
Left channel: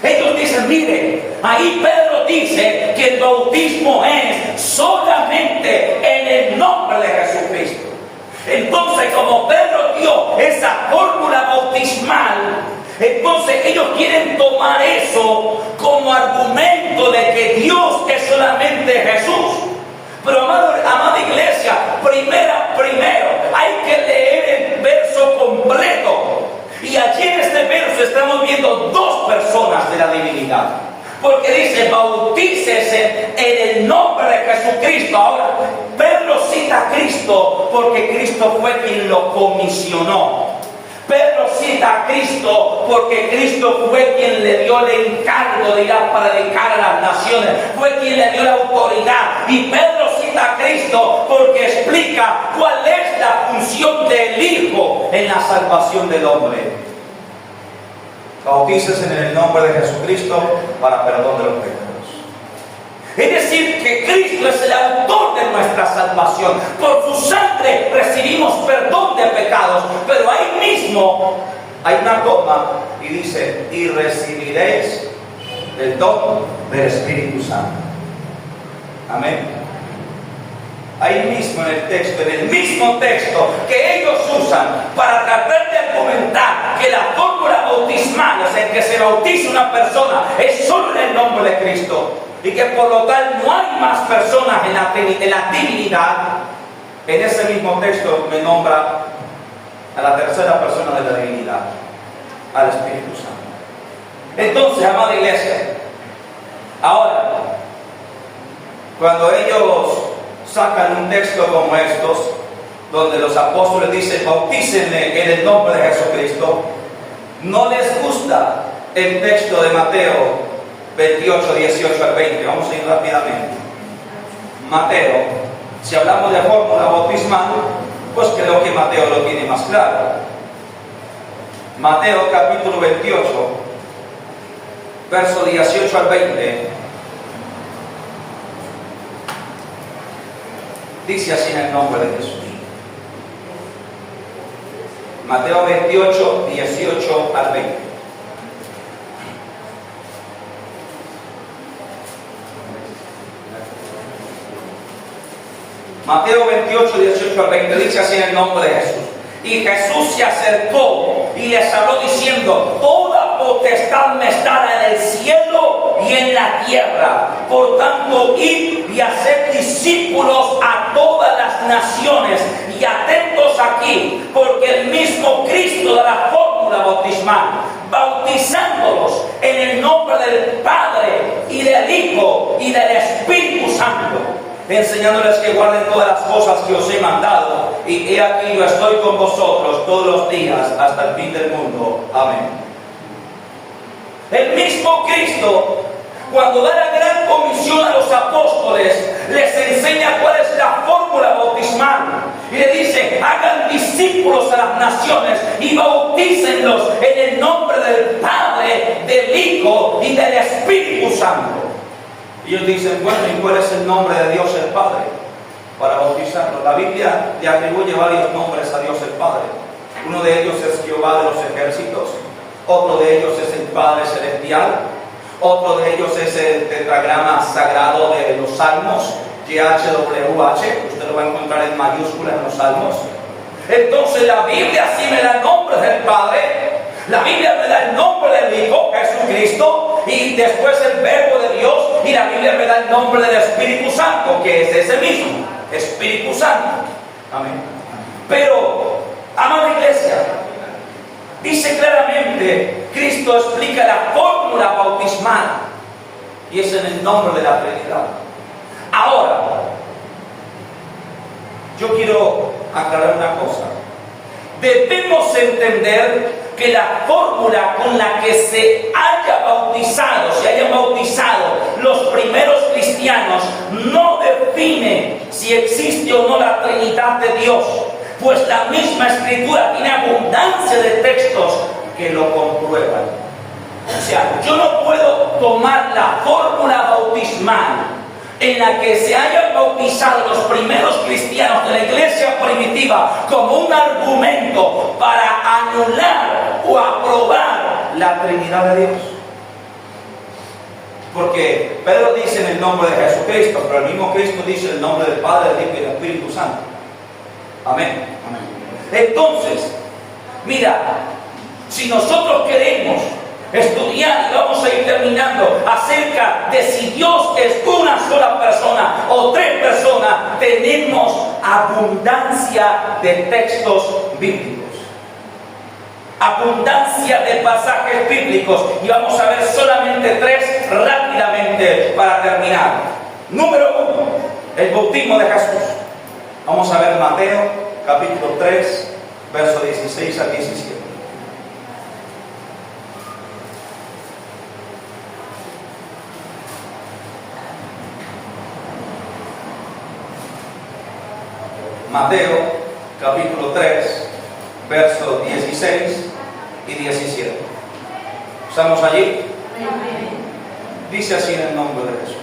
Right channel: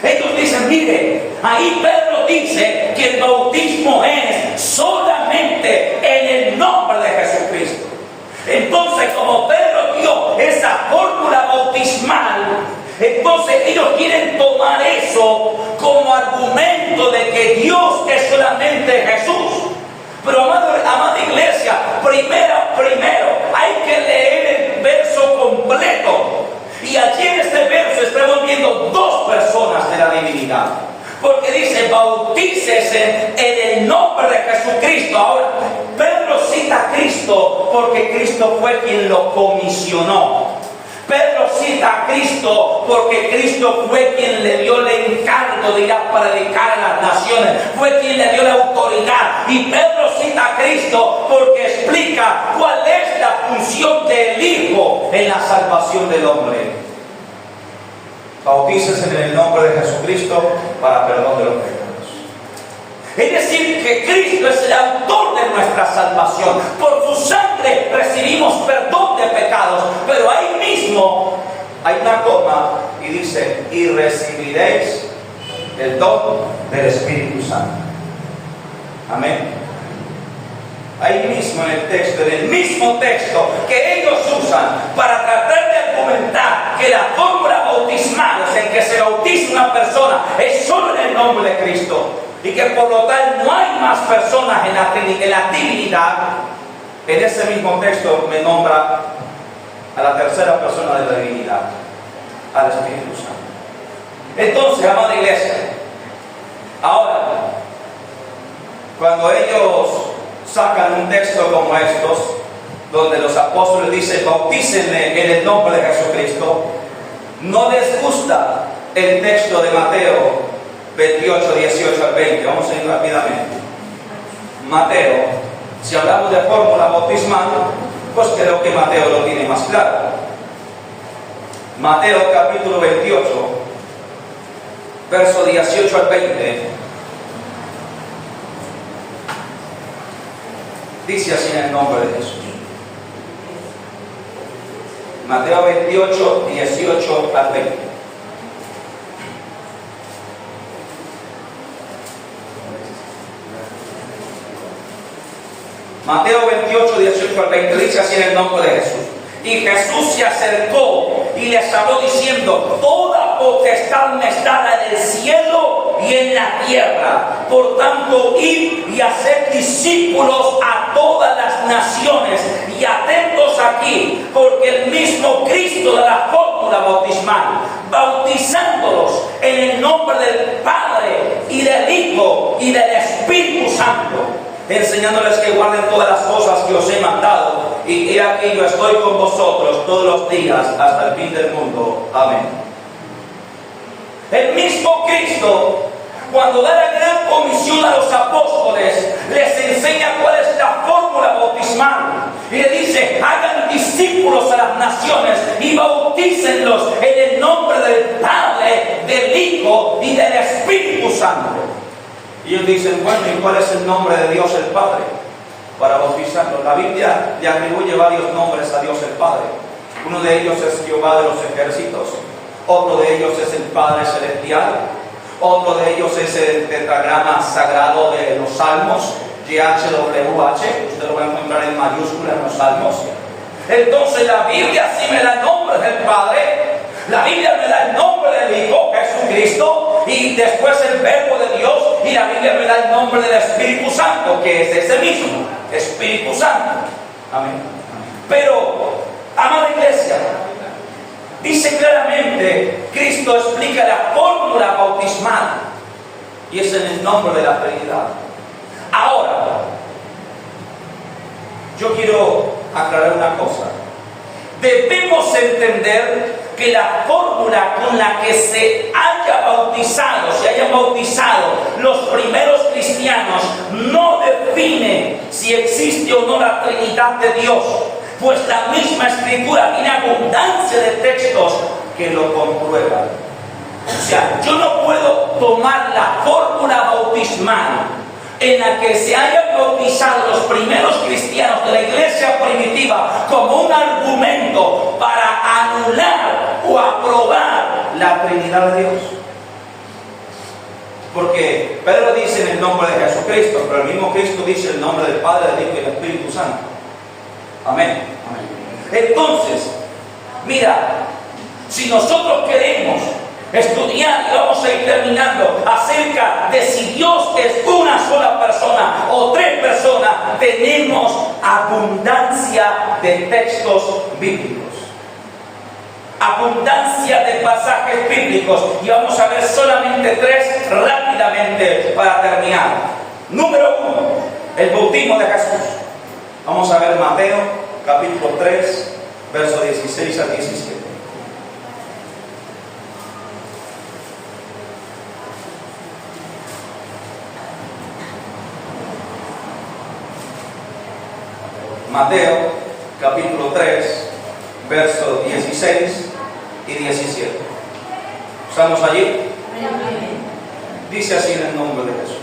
Ellos dicen, mire, ahí Pedro dice que el bautismo es solamente en el nombre de Jesucristo. Entonces, como Pedro dio esa fórmula bautismal, entonces ellos quieren tomar eso como argumento de que Dios es solamente Jesús. Pero amada iglesia, primero hay que leer el verso completo. Y allí en este verso estamos viendo dos personas de la divinidad. Porque dice, bautícese en el nombre de Jesucristo. Ahora, Pedro cita a Cristo porque Cristo fue quien lo comisionó. Pedro cita a Cristo porque Cristo fue quien le dio el encargo, digamos, para dedicar a las naciones. Fue quien le dio la autoridad. Y Pedro cita a Cristo porque explica cuál es la función del Hijo en la salvación del hombre. Bautícese en el nombre de Jesucristo para perdón de los pecados. Es decir, que Cristo es el autor de nuestra salvación. Por su sangre recibimos perdón de pecados. Pero ahí mismo hay una coma y dice, y recibiréis el don del Espíritu Santo. Amén. Ahí mismo en el texto, en el mismo texto que ellos usan para tratar de argumentar que la fórmula bautismal en que se bautiza una persona es solo en el nombre de Cristo y que por lo tal no hay más personas en la divinidad. En ese mismo texto me nombra a la tercera persona de la divinidad, al Espíritu Santo. Entonces, amada iglesia, ahora, cuando ellos sacan un texto como estos, donde los apóstoles dicen, bautícenme en el nombre de Jesucristo, no les gusta el texto de Mateo 28, 18 al 20. Vamos a ir rápidamente. Mateo, si hablamos de fórmula bautismal, pues creo que Mateo lo tiene más claro. Mateo capítulo 28, verso 18 al 20. Dice así en el nombre de Jesús. Mateo 28, 18 al 20. Mateo 28, 18 al 20. Dice así en el nombre de Jesús. Y Jesús se acercó y les habló diciendo, toda potestad me es dada en el cielo y en la tierra. Por tanto, id y haced discípulos a todas las naciones. Y atentos aquí, porque el mismo Cristo de la fórmula bautismal, bautizándolos en el nombre del Padre y del Hijo y del Espíritu Santo, enseñándoles que guarden todas las cosas que os he mandado, y he aquí yo estoy con vosotros todos los días hasta el fin del mundo. Amén. El mismo Cristo, cuando da la gran comisión a los apóstoles, les enseña cuál es la fórmula bautismal y le dice, hagan discípulos a las naciones y bautícenlos en el nombre del Padre, del Hijo y del Espíritu Santo. Y ellos dicen, bueno, ¿y cuál es el nombre de Dios el Padre para bautizarlos? La Biblia le atribuye varios nombres a Dios el Padre. Uno de ellos es Jehová de los ejércitos, otro de ellos es el Padre celestial, otro de ellos es el tetragrama sagrado de los Salmos, YHWH, usted lo va a encontrar en mayúscula en los Salmos. Entonces la Biblia sí me da nombres del Padre, la Biblia me da el nombre del Hijo, Jesucristo, y después el Verbo de Dios, y la Biblia me da el nombre del Espíritu Santo, que es ese mismo, Espíritu Santo. Amén. Pero, amada iglesia, dice claramente, Cristo explica la fórmula bautismal, y es en el nombre de la Trinidad. Ahora, yo quiero aclarar una cosa. Debemos entender que la fórmula con la que se hayan bautizado los primeros cristianos no define si existe o no la Trinidad de Dios, pues la misma Escritura tiene abundancia de textos que lo comprueban. O sea, yo no puedo tomar la fórmula bautismal en la que se hayan bautizado los primeros cristianos de la iglesia primitiva como un argumento para anular o aprobar la Trinidad de Dios. Porque Pedro dice en el nombre de Jesucristo, pero el mismo Cristo dice el nombre del Padre, del Hijo y del Espíritu Santo. Amén. Entonces, mira, si nosotros queremos estudiar, y vamos a ir terminando, acerca de si Dios es una sola persona o tres personas, tenemos abundancia de textos bíblicos, abundancia de pasajes bíblicos, y vamos a ver solamente tres rápidamente para terminar. Número 1, el bautismo de Jesús. Vamos a ver Mateo capítulo 3, verso 16 al 17. Mateo capítulo 3, versos 16 y 17. ¿Estamos allí? Dice así en el nombre de Jesús.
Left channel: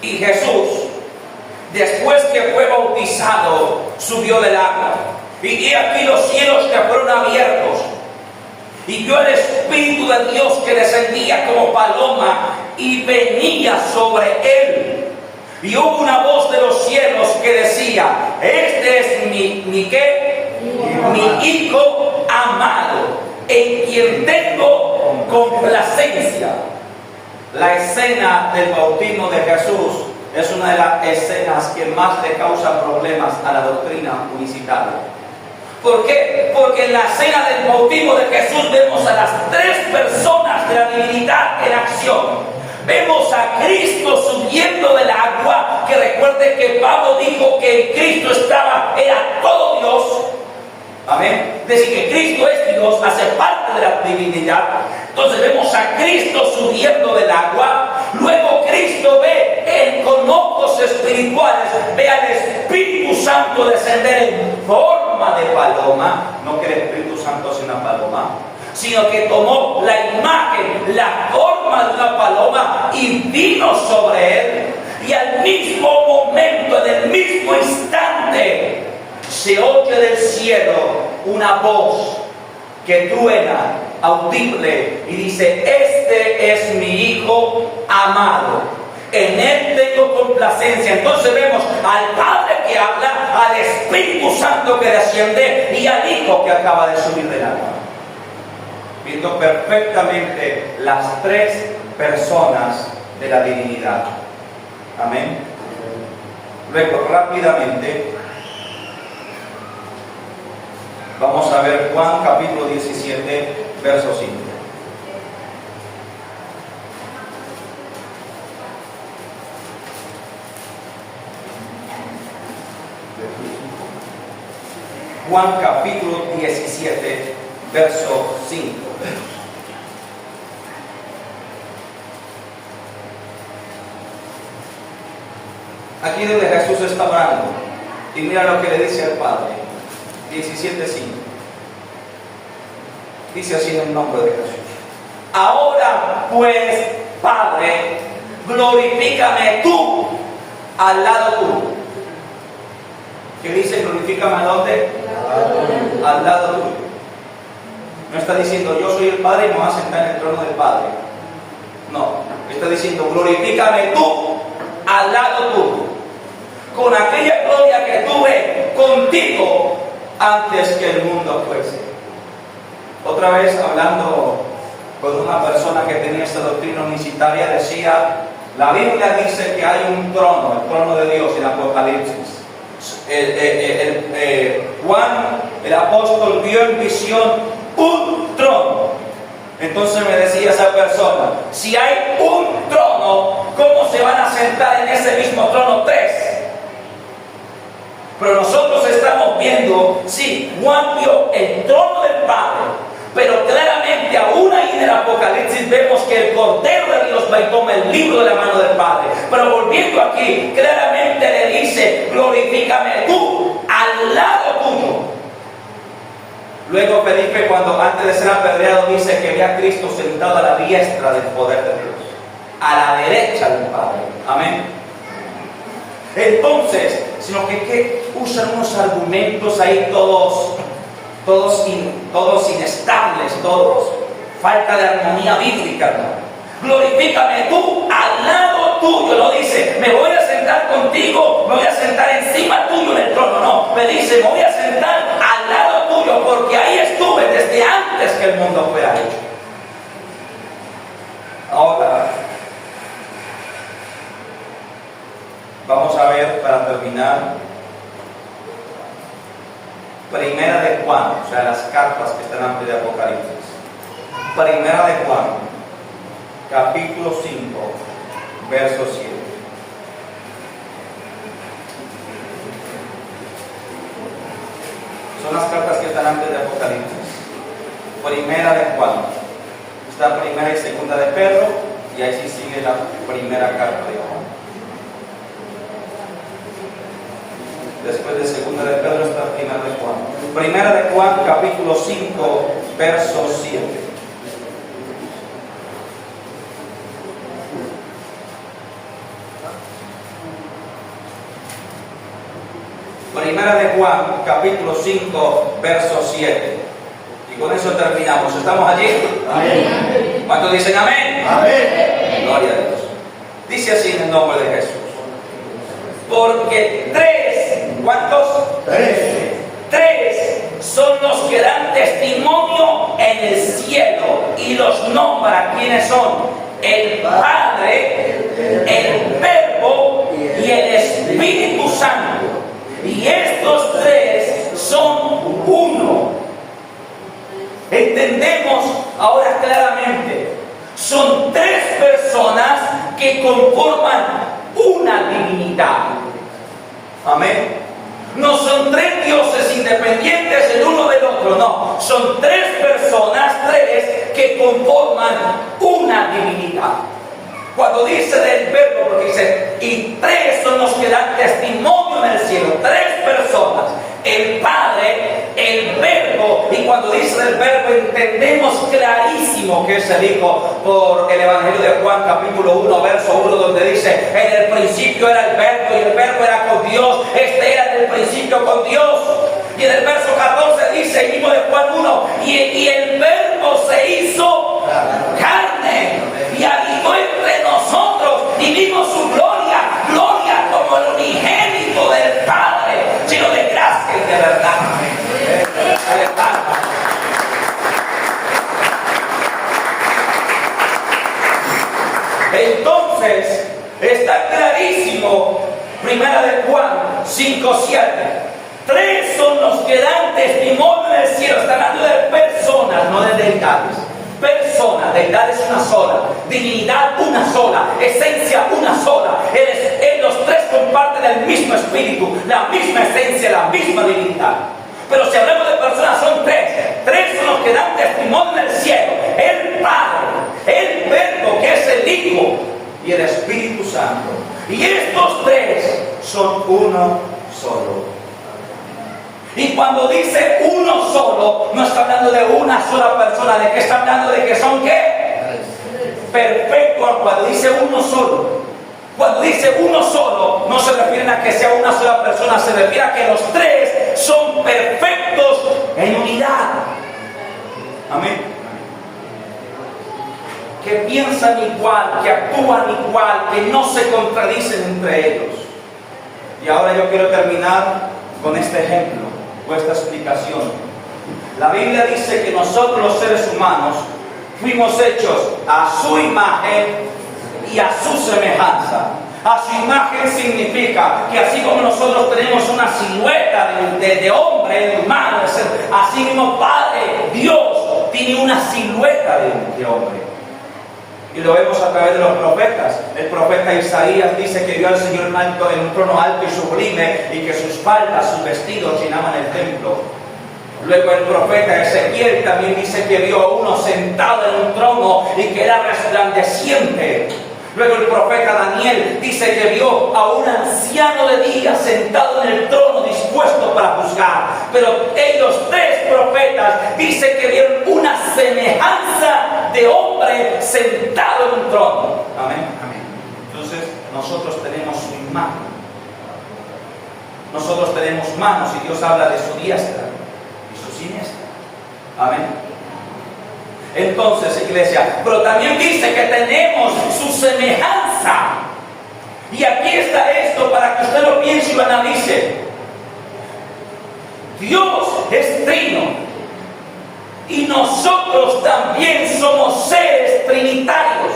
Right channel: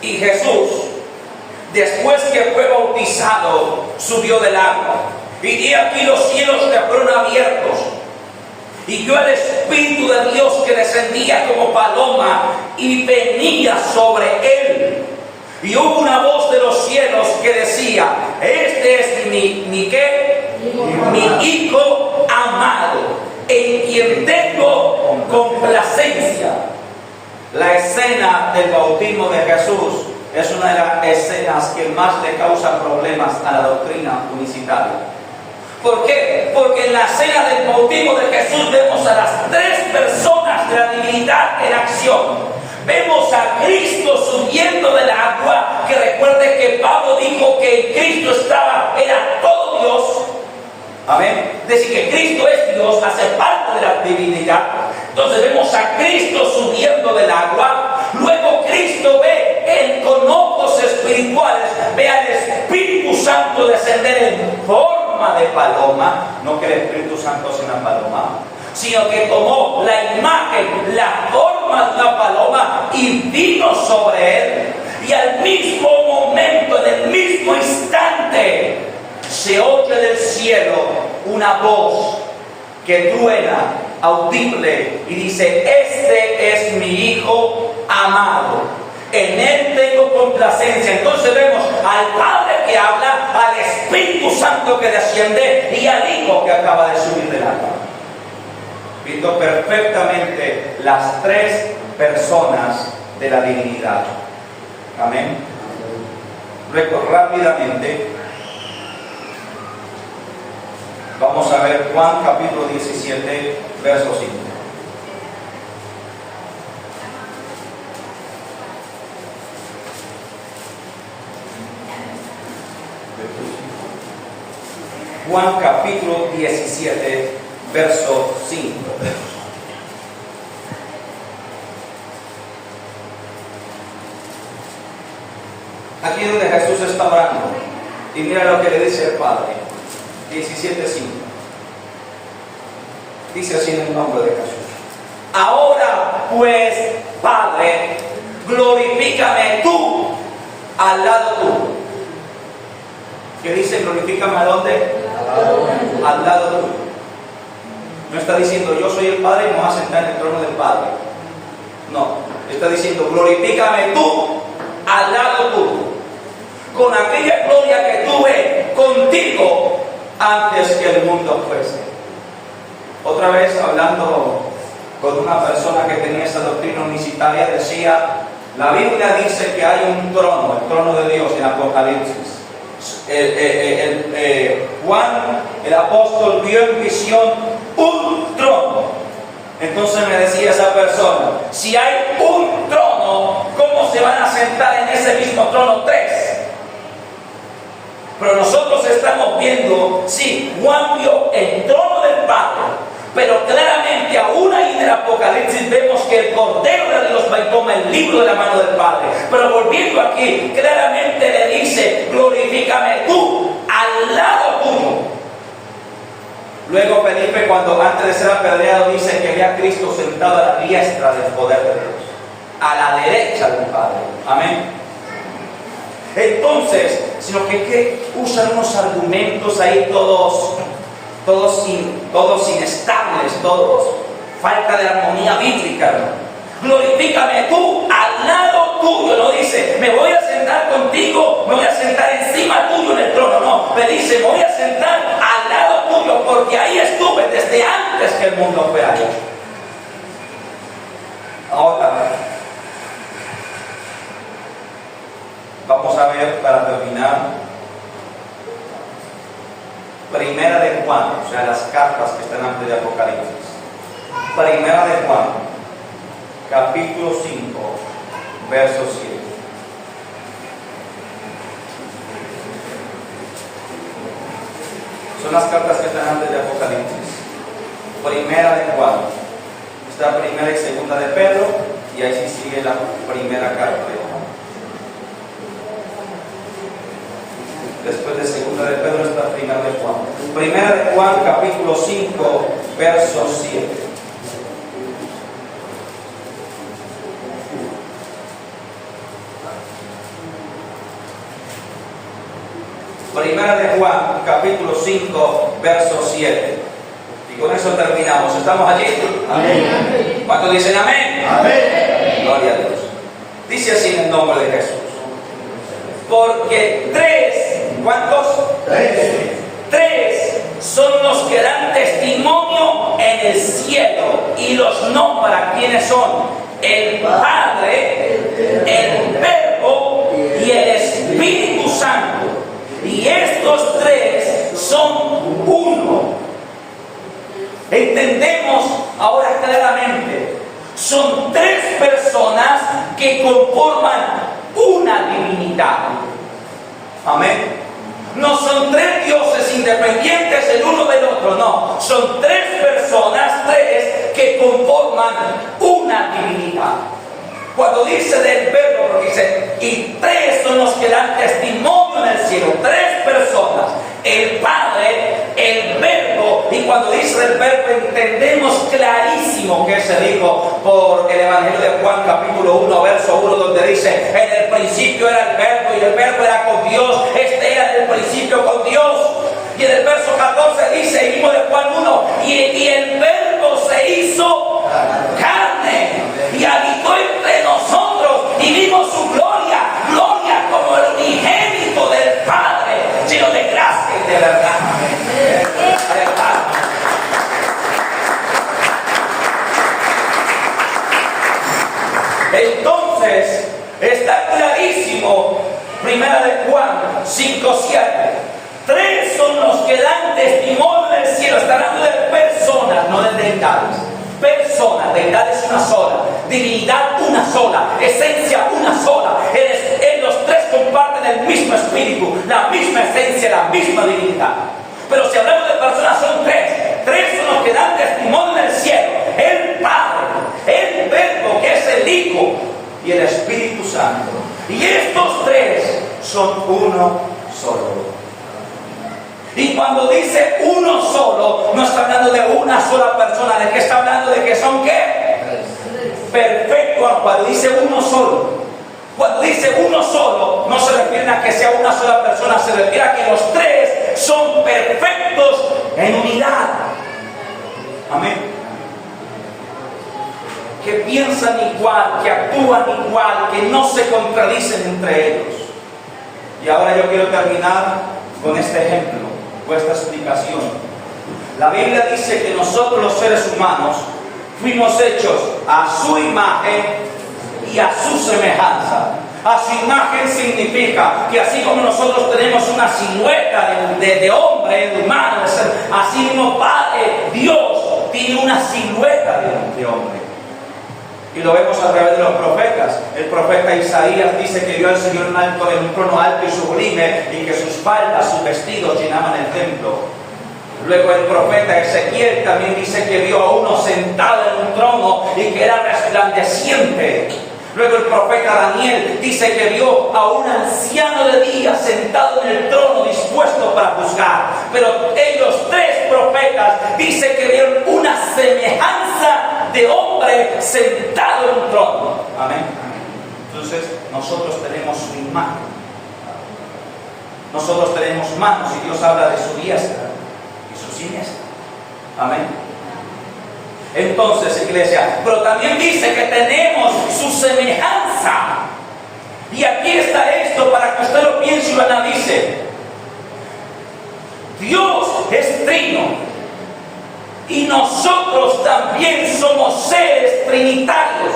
Y Jesús, después que fue bautizado, subió del agua. Y aquí los cielos que fueron abiertos. Y vio el Espíritu de Dios que descendía como paloma y venía sobre él. Y hubo una voz de los cielos que decía: este es mi Hijo amado, en quien tengo complacencia. La escena del bautismo de Jesús es una de las escenas que más le causan problemas a la doctrina unicitaria. ¿Por qué? Porque en la escena del bautismo de Jesús vemos a las tres personas de la divinidad en acción. Vemos a Cristo subiendo del agua, que recuerde que Pablo dijo que Cristo era todo Dios. Amén. Es decir, que Cristo es Dios, hace parte de la divinidad. Entonces vemos a Cristo subiendo del agua. Luego Cristo ve con ojos espirituales, ve al Espíritu Santo descender en forma de paloma. No que el Espíritu Santo sea una paloma, sino que tomó la imagen, la forma de una paloma y vino sobre él. Y al mismo momento, en el mismo instante, se oye del cielo una voz que truena, audible, y dice: este es mi Hijo amado, en él tengo complacencia. Entonces vemos al Padre que habla, al Espíritu Santo que desciende y al Hijo que acaba de subir del agua, viendo perfectamente las tres personas de la divinidad. Amén. Luego, rápidamente, vamos a ver Juan capítulo 17, verso 5. Juan capítulo 17, verso 5. Aquí es donde Jesús está orando. Y mira lo que le dice al Padre. 17:5. Dice así en el nombre de Jesús: ahora pues, Padre, glorifícame tú al lado tuyo. ¿Qué dice? Glorifícame ¿a dónde? Al lado tuyo. No está diciendo yo soy el Padre y me voy a sentar en el trono del Padre. No, está diciendo glorifícame tú al lado tuyo, con aquella gloria que tuve contigo antes que el mundo fuese. Otra vez hablando con una persona que tenía esa doctrina unicitaria, decía, la Biblia dice que hay un trono, el trono de Dios en Apocalipsis. Juan, el apóstol, vio en visión un trono. Entonces me decía esa persona, si hay un trono, ¿cómo se van a sentar en ese mismo trono tres? Pero nosotros estamos viendo, sí, Juan vio el trono del Padre, pero claramente aún ahí en el Apocalipsis vemos que el Cordero de Dios va y toma el libro de la mano del Padre. Pero volviendo aquí, claramente le dice, glorifícame tú, al lado tuyo. Luego Felipe, cuando antes de ser apedreado, dice que ve a Cristo sentado a la diestra del poder de Dios, a la derecha del Padre. Amén. Entonces, sino que usan unos argumentos ahí todos inestables, todos falta de armonía bíblica, ¿no? Glorifícame tú, al lado tuyo. No dice, me voy a sentar contigo, me voy a sentar encima tuyo en el trono. No, me dice, me voy a sentar al lado tuyo, porque ahí estuve desde antes que el mundo fuera hecho. Ahora, vamos a ver, para terminar, Primera de Juan, o sea, las cartas que están antes de Apocalipsis. Primera de Juan, capítulo 5, verso 7. Son las cartas que están antes de Apocalipsis. Primera de Juan. Está primera y segunda de Pedro, y ahí sí sigue la primera carta de Juan. Después de segunda de Pedro está primera de Juan. Primera de Juan, capítulo 5, verso 7. Primera de Juan, capítulo 5, verso 7. Y con eso terminamos. ¿Estamos allí? Amén. ¿Cuántos dicen amén? Amén. Gloria a Dios. Dice así en el nombre de Jesús. Porque ¿cuántos? Tres son los que dan testimonio en el cielo, y los nombra. ¿Quiénes son? El Padre, el Verbo y el Espíritu Santo. Y estos tres son uno. Entendemos ahora claramente. Son tres personas que conforman una divinidad. Amén. No son tres dioses independientes el uno del otro, no. Son tres personas, tres, que conforman una divinidad. Cuando dice del Verbo, porque dice, y tres son los que dan testimonio en el cielo, tres personas, el Padre, el Verbo, y cuando dice del Verbo entendemos clarísimo que se dijo por el Evangelio de Juan capítulo 1, verso 1, donde dice, en el principio era el Verbo, y el Verbo era con Dios, este era en el principio con Dios. Y en el verso 14 dice, mismo de Juan 1, y el Verbo se hizo carne y habitó entre nosotros, y vimos su gloria, gloria como el unigénito del Padre, lleno de gracia y de verdad. Entonces, está clarísimo, primera de Juan 5:7. Tres son los que dan testimonio en el cielo. Está hablando de personas, no de deidades. Personas, deidad es una sola, divinidad una sola, esencia una sola. Los tres comparten el mismo espíritu, la misma esencia, la misma divinidad. Pero si hablamos de personas, son tres. Tres son los que dan testimonio en el cielo: el Padre, el Verbo, que es el Hijo, y el Espíritu Santo. Y estos tres son uno solo. Y cuando dice uno solo, no está hablando de una sola persona. ¿De qué está hablando? De que son ¿qué? Perfecto. Cuando dice uno solo, cuando dice uno solo, no se refiere a que sea una sola persona, se refiere a que los tres son perfectos en unidad. Amén. Que piensan igual, que actúan igual, que no se contradicen entre ellos. Y ahora yo quiero terminar con este ejemplo, con esta explicación. La Biblia dice que nosotros los seres humanos fuimos hechos a su imagen y a su semejanza. A su imagen significa que así como nosotros tenemos una silueta de hombre, humano, así mismo Padre, Dios, tiene una silueta de hombre. Y lo vemos a través de los profetas. El profeta Isaías dice que vio al Señor en un trono alto y sublime, y que sus faldas, sus vestidos llenaban el templo. Luego el profeta Ezequiel también dice que vio a uno sentado en un trono y que era resplandeciente. Luego el profeta Daniel dice que vio a un anciano de días sentado en el trono dispuesto para juzgar. Pero ellos tres profetas dicen que vieron una semejanza de hombre sentado en un trono. Amén. Entonces nosotros tenemos su imagen. Nosotros tenemos manos y Dios habla de su diestra y su siniestra. Amén. Entonces, iglesia, pero también dice que tenemos su semejanza. Y aquí está esto para que usted lo piense y lo analice. Dios es trino. Y nosotros también somos seres trinitarios.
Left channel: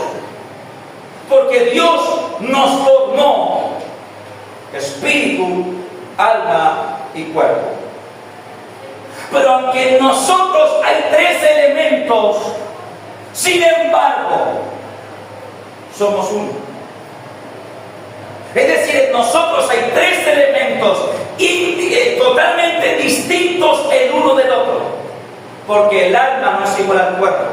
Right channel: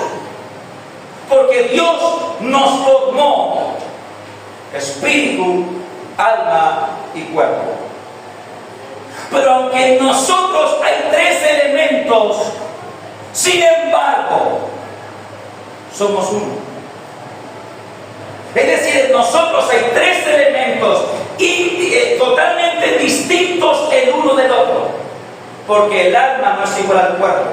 Porque Dios nos formó espíritu, alma y cuerpo. Pero aunque en nosotros hay tres elementos, sin embargo, somos uno. Es decir, en nosotros hay tres elementos totalmente distintos el uno del otro. Porque el alma no es igual al cuerpo,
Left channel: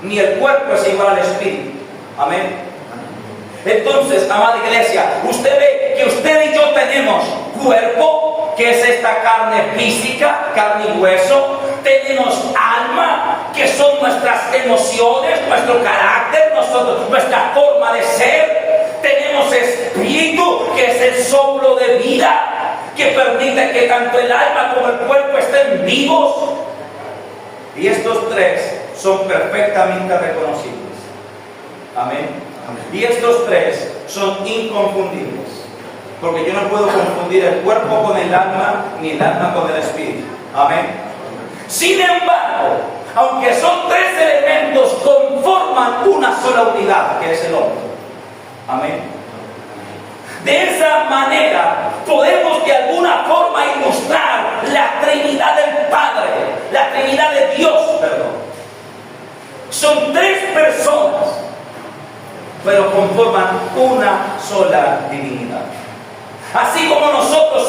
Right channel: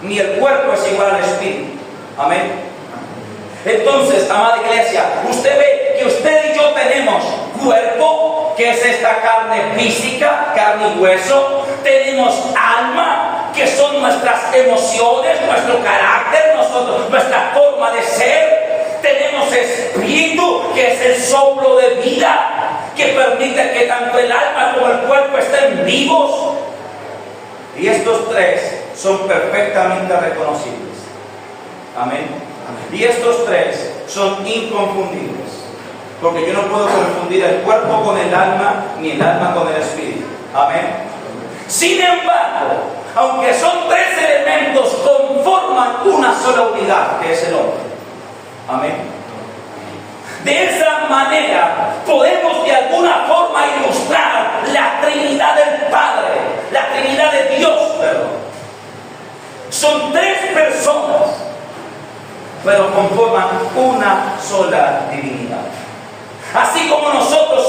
ni el cuerpo es igual al espíritu. Amén. Entonces, amada iglesia, usted ve que usted y yo tenemos cuerpo, que es esta carne física, carne y hueso. Tenemos alma, que son nuestras emociones, nuestro carácter, nuestra forma de ser. Tenemos espíritu, que es el soplo de vida, que permite que tanto el alma como el cuerpo estén vivos. Y estos tres son perfectamente reconocibles. Amén. Y estos tres son inconfundibles. Porque yo no puedo confundir el cuerpo con el alma, ni el alma con el espíritu. Amén. Sin embargo, aunque son tres elementos, conforman una sola unidad, que es el hombre. Amén. De esa manera podemos de alguna forma ilustrar la Trinidad del Padre, la Trinidad de Dios, perdón. Son tres personas, pero conforman una sola divinidad. Así como nosotros